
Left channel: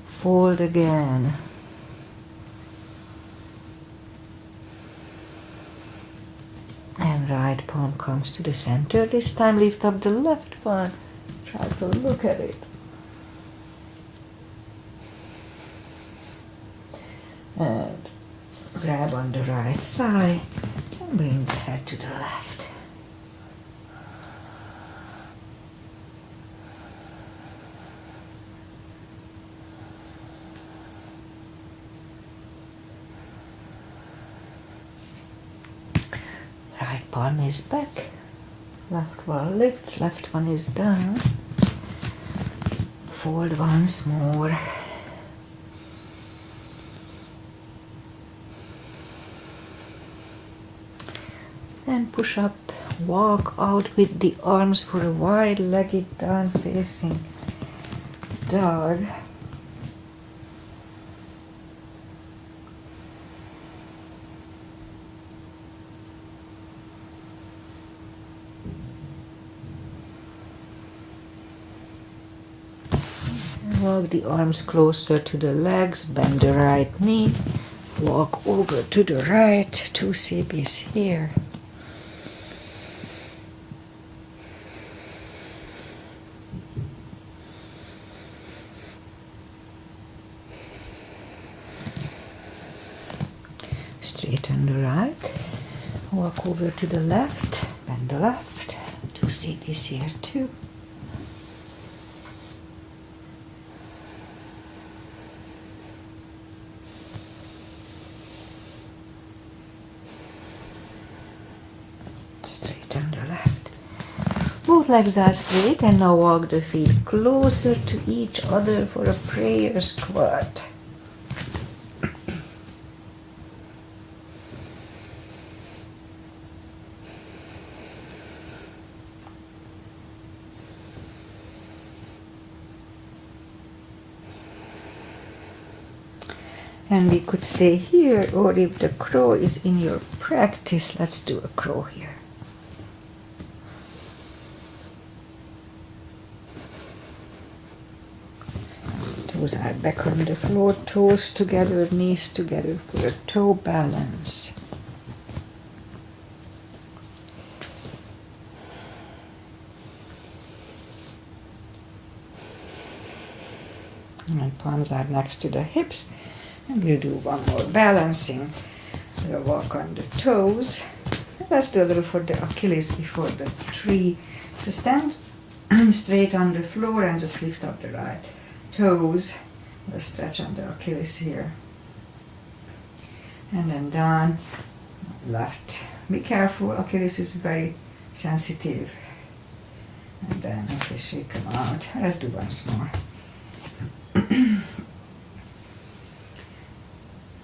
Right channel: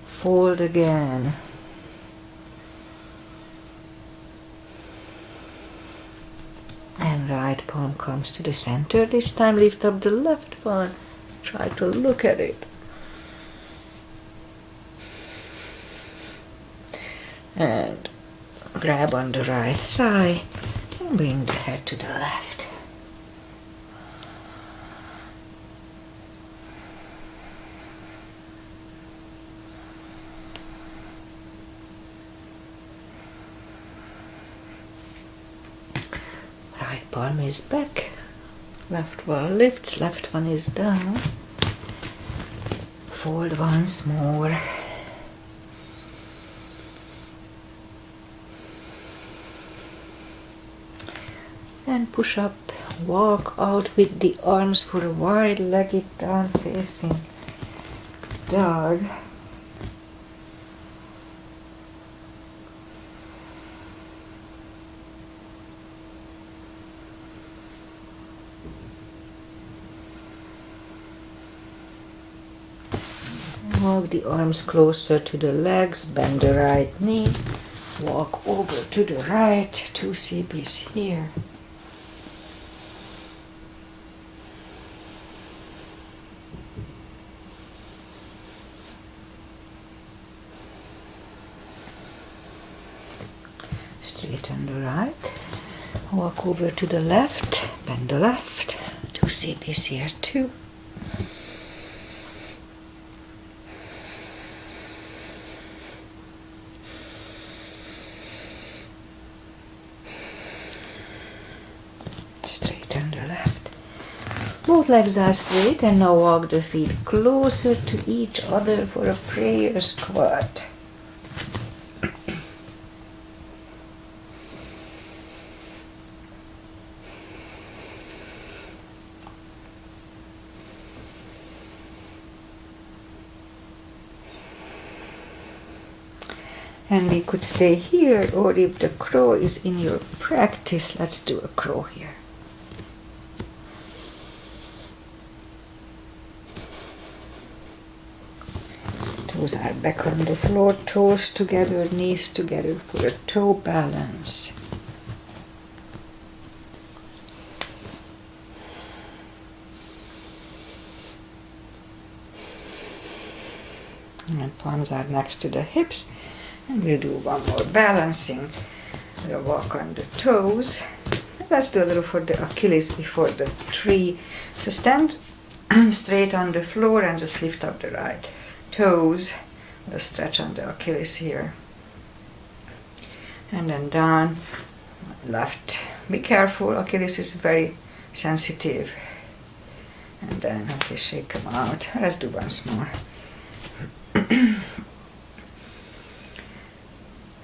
Fold again. And right palm comes to the center. This time lift up the left palm. Try to look at it. And grab on the right thigh and bring the head to the left. Right palm is back. Left one lifts, left one is down. Fold once more. And push up. Walk out with the arms for a wide-legged down-facing dog. Walk the arms closer to the legs, bend the right knee, walk over to the right, 2 CBs here. Straighten the right, walk over to the left, bend the left, 2 CBs here too. Both legs are straight and now walk the feet closer to each other for a prayer squat. And we could stay here, or if the crow is in your practice, let's do a crow here. Toes are back on the floor, toes together, knees together for a toe balance. And palms are next to the hips. And we'll do one more balancing. We'll walk on the toes. Let's do a little for the Achilles before the tree. So stand straight on the floor and just lift up the right toes. We'll stretch on the Achilles here. And then down, left. Be careful, Achilles is very sensitive. And then, okay, shake them out. Let's do once more.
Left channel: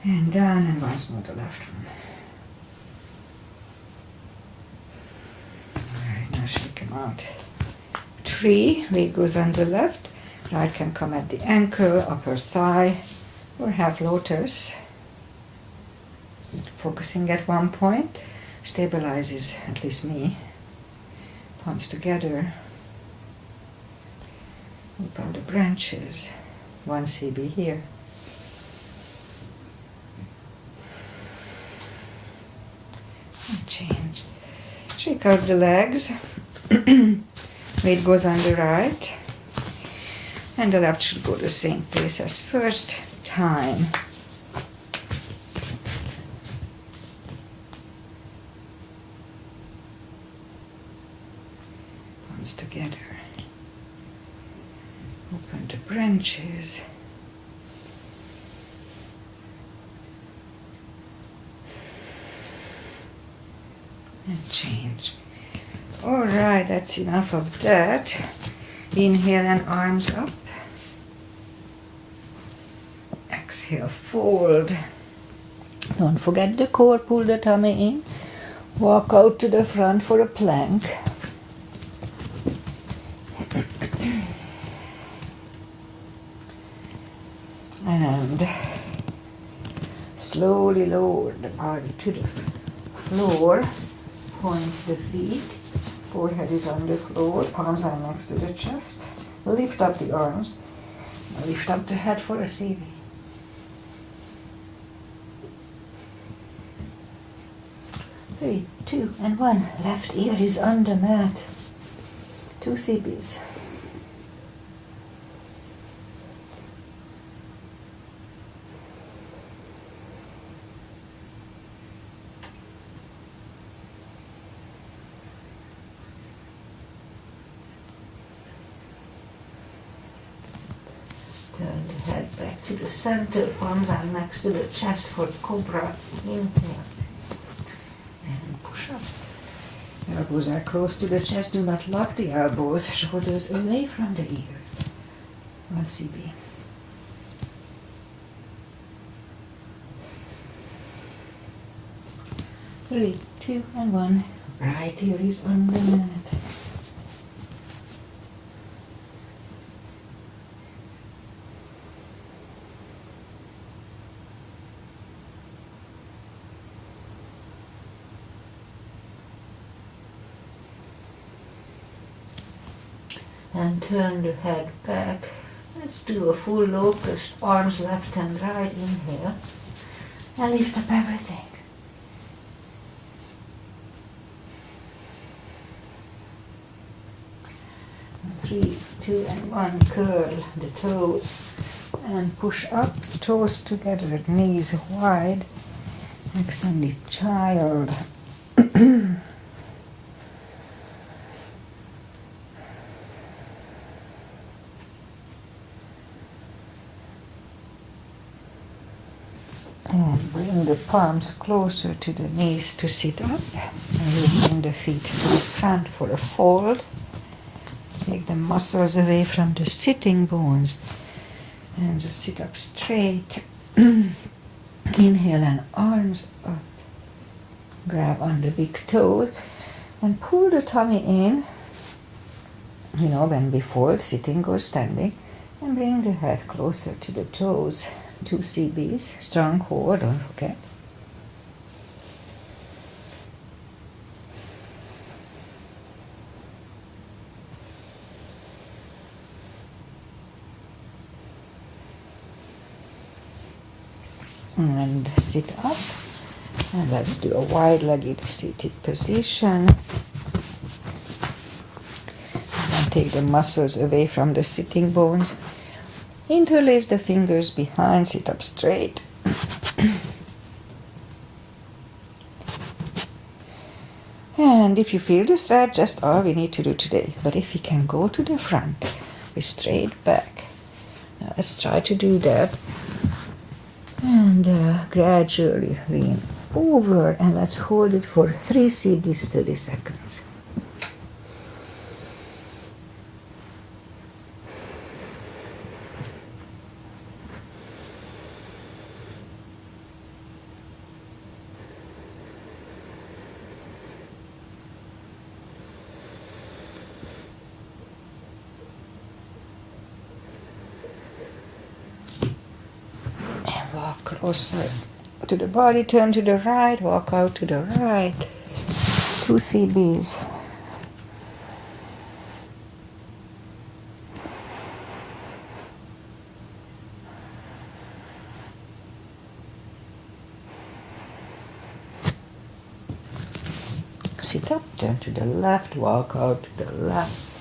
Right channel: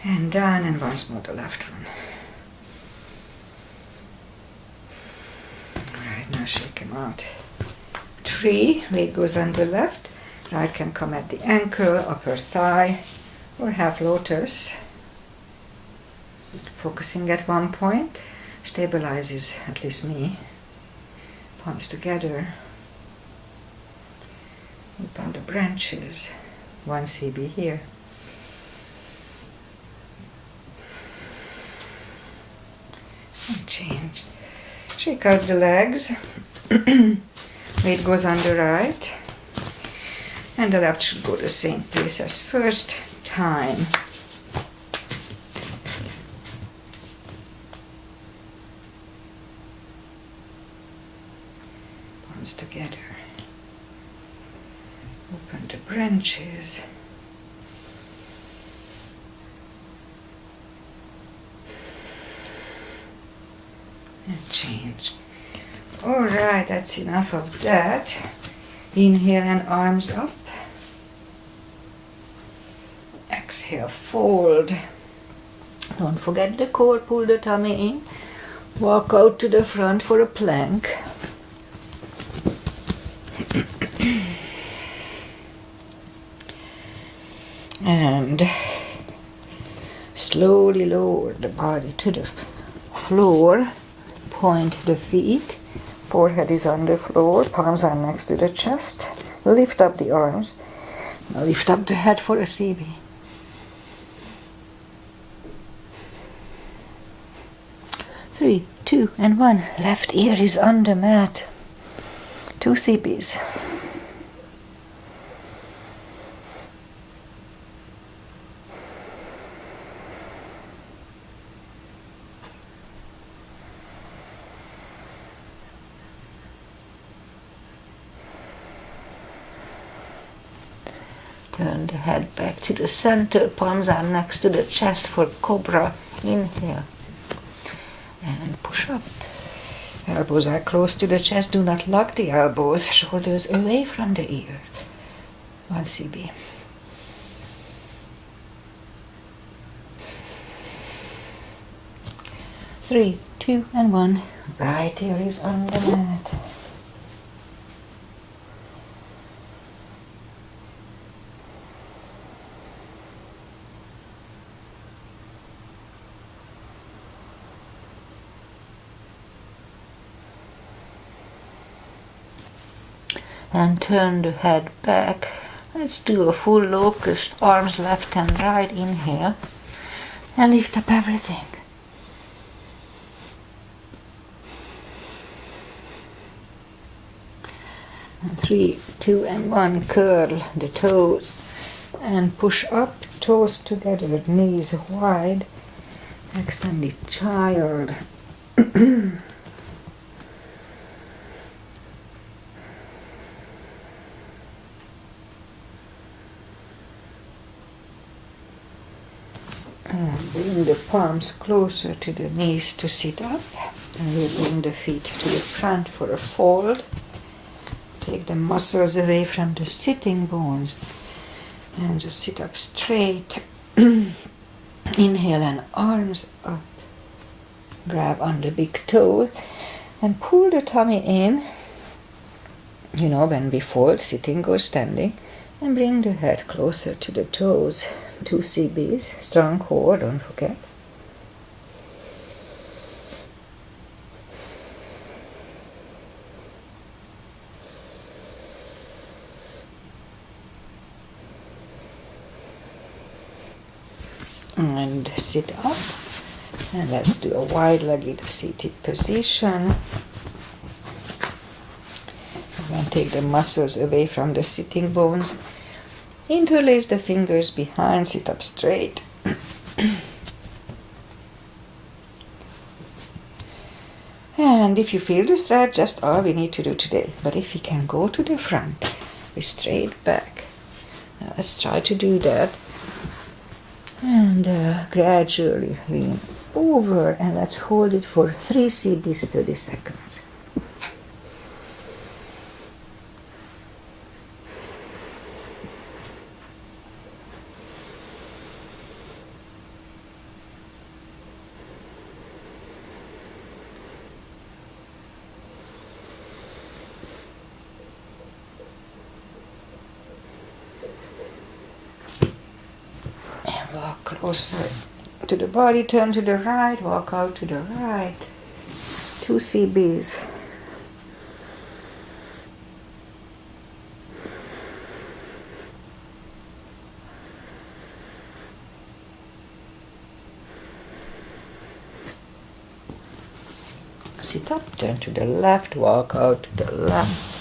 And down, and once more the left one. Alright, now shake him out. Tree, weight goes on the left. Right can come at the ankle, upper thigh, or half lotus. Focusing at one point stabilizes, at least me. Palms together. Open the branches. 1 CB here. And change. Shake out the legs. Weight goes on the right. And the left should go the same place as first time. Palms together. Open the branches. And change. Alright, that's enough of that. Inhale and arms up. Exhale, fold. Don't forget the core, pull the tummy in. Walk out to the front for a plank. And slowly lower the body to the floor. Point the feet. Forehead is on the floor. Palms are next to the chest. Lift up the arms. Now lift up the head for a CB. Three, 2, and 1. Left ear is on the mat. 2 CBs. Turn the head back to the center. Palms are next to the chest for cobra. Inhale. And push up. Elbows are close to the chest. Do not lock the elbows. Shoulders away from the ear. 1 CB. Three, two, and 1. Right ear is on the mat. And turn the head back. Let's do a full locust, arms left and right, inhale, and lift up everything. And 3, 2, and 1, curl the toes and push up, toes together, knees wide, extended child. And bring the palms closer to the knees to sit up. And we'll bring the feet to the front for a fold. Take the muscles away from the sitting bones. And just sit up straight. Inhale and arms up. Grab on the big toes. And pull the tummy in. You know, when we fold, sitting or standing. And bring the head closer to the toes. 2 CBs, strong core, don't forget. And sit up. And let's do a wide-legged seated position. And then take the muscles away from the sitting bones. Interlace the fingers behind, sit up straight. And if you feel this right, just all we need to do today. But if we can go to the front with straight back, now let's try to do that. And gradually lean over, and let's hold it for 3 CBs, 30 seconds. Walk closer to the body, turn to the right, walk out to the right. 2 CBs. Sit up, turn to the left, walk out to the left.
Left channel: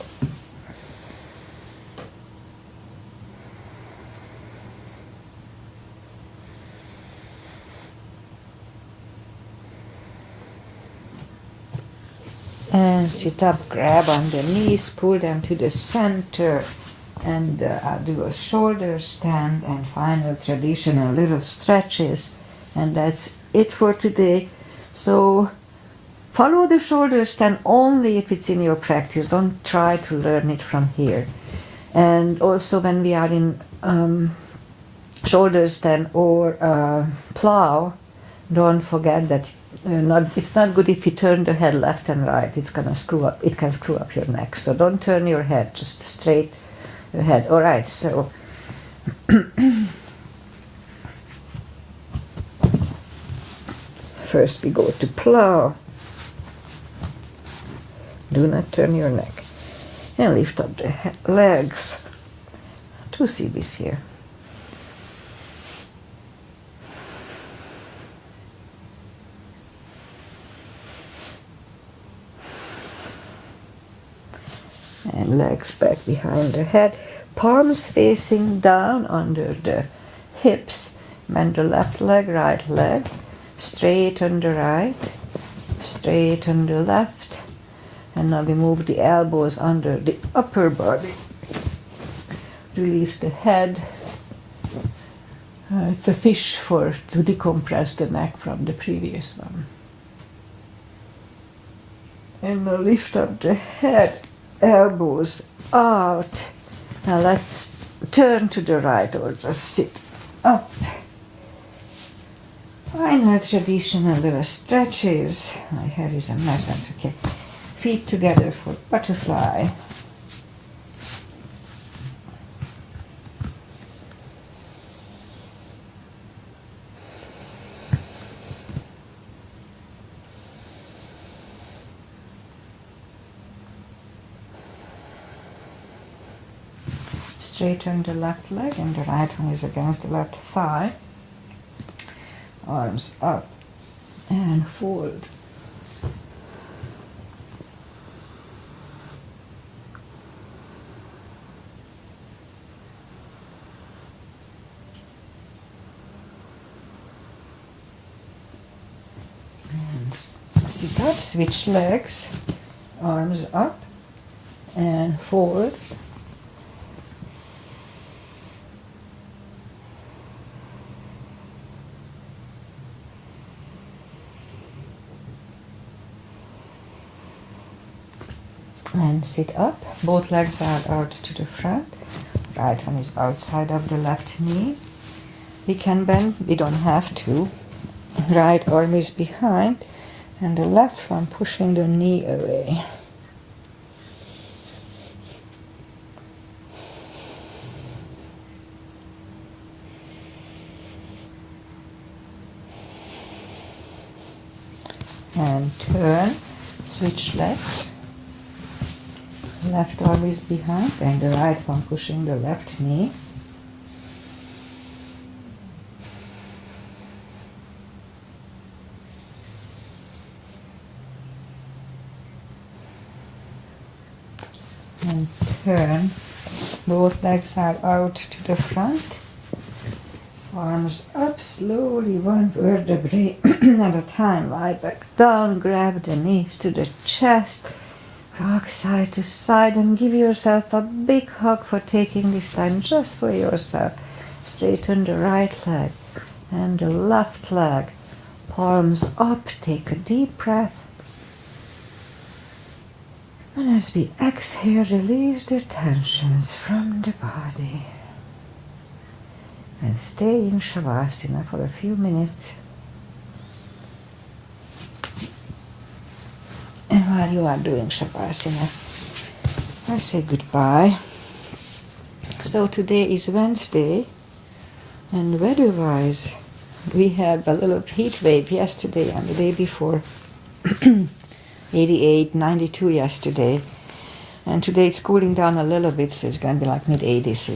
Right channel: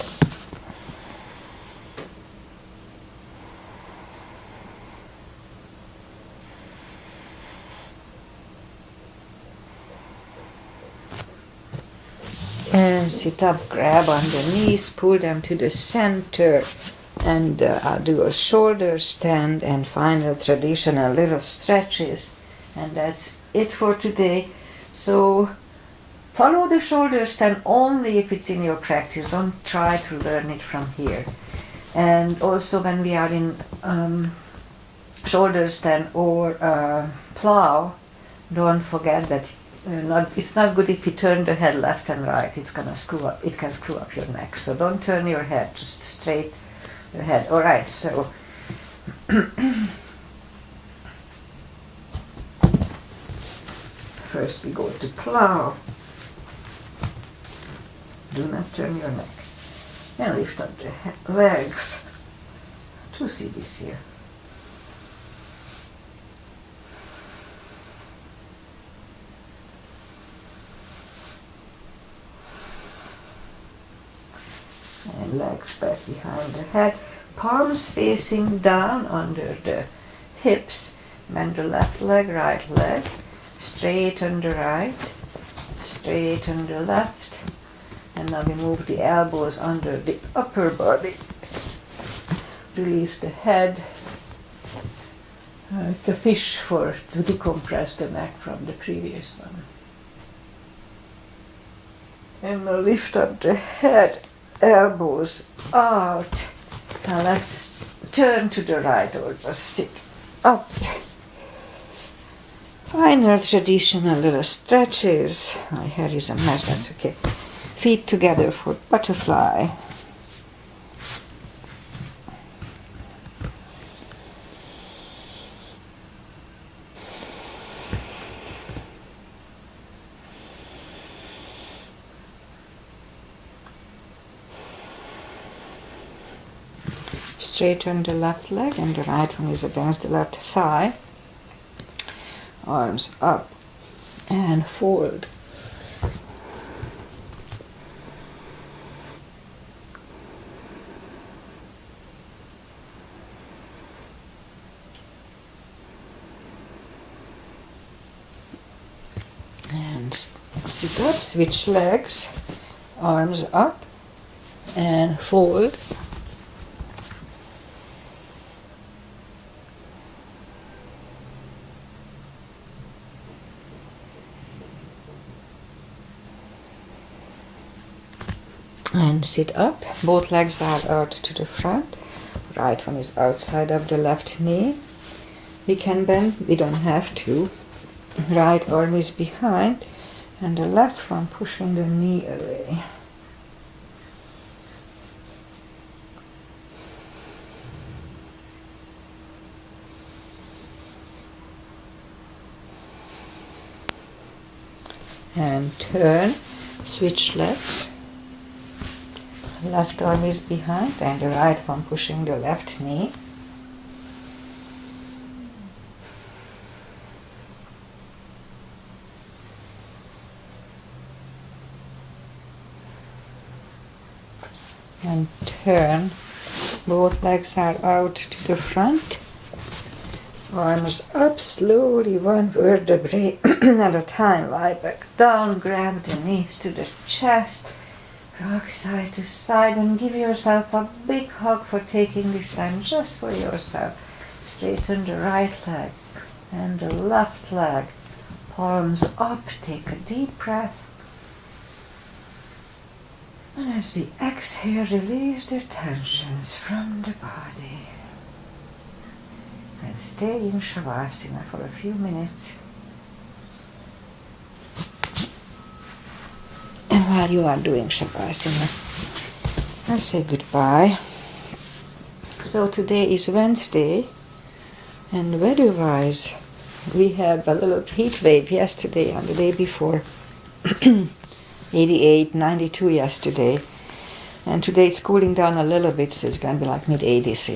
And sit up, grab on the knees, pull them to the center, and I'll do a shoulder stand and final traditional little stretches. And that's it for today. So follow the shoulder stand only if it's in your practice. Don't try to learn it from here. And also when we are in shoulder stand or plow, don't forget that it's not good if you turn the head left and right. It's gonna screw up. It can screw up your neck. So don't turn your head, just straight ahead. All right. So first we go to plow. Do not turn your neck, and lift up the legs. 2 CBs here. And legs back behind the head, palms facing down under the hips. Bend the left leg, right leg, straight on the right, straight on the left. And now we move the elbows under the upper body. Release the head. It's a fish to decompress the neck from the previous one. And we'll lift up the head, elbows out. Now let's turn to the right or just sit up. Final traditional little stretches. My hair is a mess, that's okay. Feet together for butterfly. Straighten the left leg and the right one is against the left thigh. Arms up and fold. And sit up, switch legs, arms up and fold. And sit up, both legs are out to the front. Right one is outside of the left knee. We can bend, we don't have to. Right arm is behind and the left one pushing the knee away. And turn, switch legs. Left arm is behind and the right one pushing the left knee. And turn, both legs are out to the front. Arms up slowly, one vertebrae at a time. Lie back down, grab the knees to the chest. Rock side to side and give yourself a big hug for taking this time just for yourself. Straighten the right leg and the left leg. Palms up, take a deep breath. And as we exhale, release the tensions from the body. And stay in Shavasana for a few minutes. And while you are doing Shavasana, I say goodbye. So today is Wednesday, and weather-wise, we have a little heat wave yesterday and the day before. 88, 92 yesterday. And today it's cooling down a little bit, so it's going to be like mid-80s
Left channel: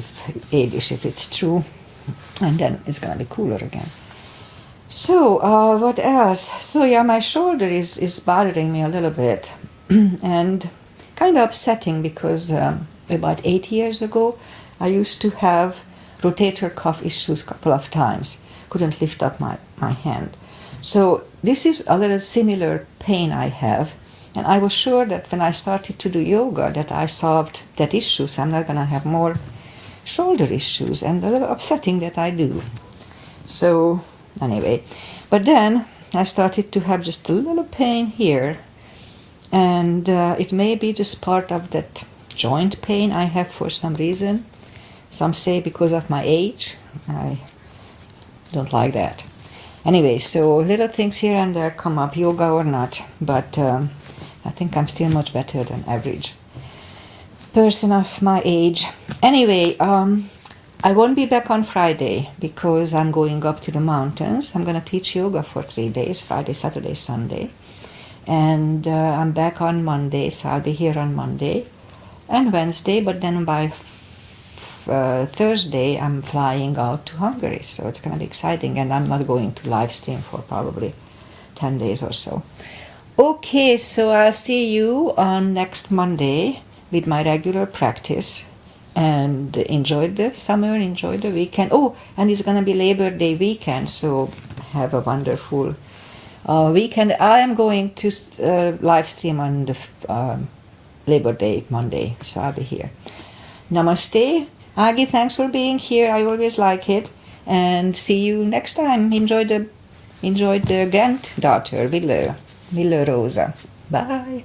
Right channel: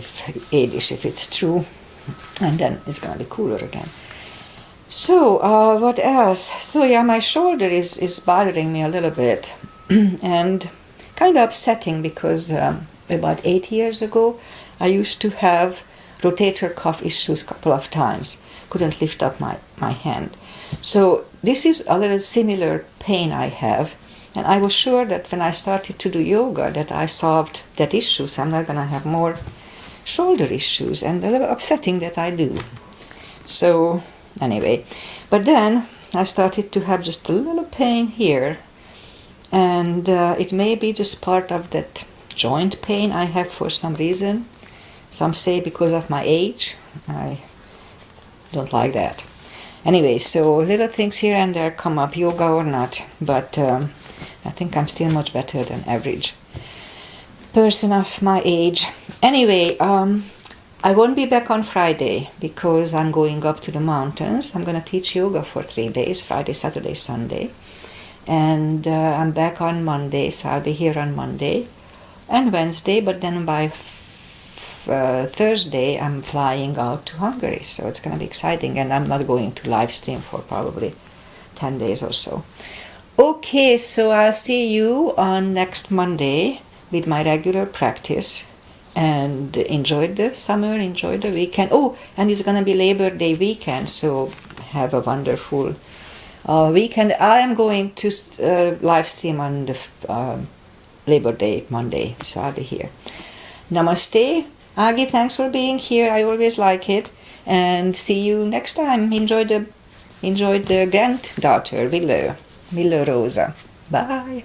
if it's true. And then it's going to be cooler again. So, what else? So yeah, my shoulder is bothering me a little bit. And kind of upsetting because about 8 years ago, I used to have rotator cuff issues a couple of times. Couldn't lift up my hand. So this is a little similar pain I have. And I was sure that when I started to do yoga that I solved that issue, so I'm not going to have more shoulder issues, and a little upsetting that I do. So anyway, but then I started to have just a little pain here, and it may be just part of that joint pain I have for some reason. Some say because of my age. I don't like that. Anyway, so little things here and there come up, yoga or not, but I think I'm still much better than average person of my age. Anyway, I won't be back on Friday because I'm going up to the mountains. I'm going to teach yoga for 3 days, Friday, Saturday, Sunday. And I'm back on Monday, so I'll be here on Monday and Wednesday, but then by Thursday I'm flying out to Hungary, so it's going to be exciting, and I'm not going to live stream for probably 10 days or so. Okay, so I'll see you on next Monday with my regular practice, and enjoy the summer, enjoy the weekend. Oh, and it's going to be Labor Day weekend, so have a wonderful weekend. I am going to live stream on the Labor Day Monday, so I'll be here. Namaste. Agi, thanks for being here. I always like it. And see you next time. Enjoy the granddaughter, Willow Rosa. Bye.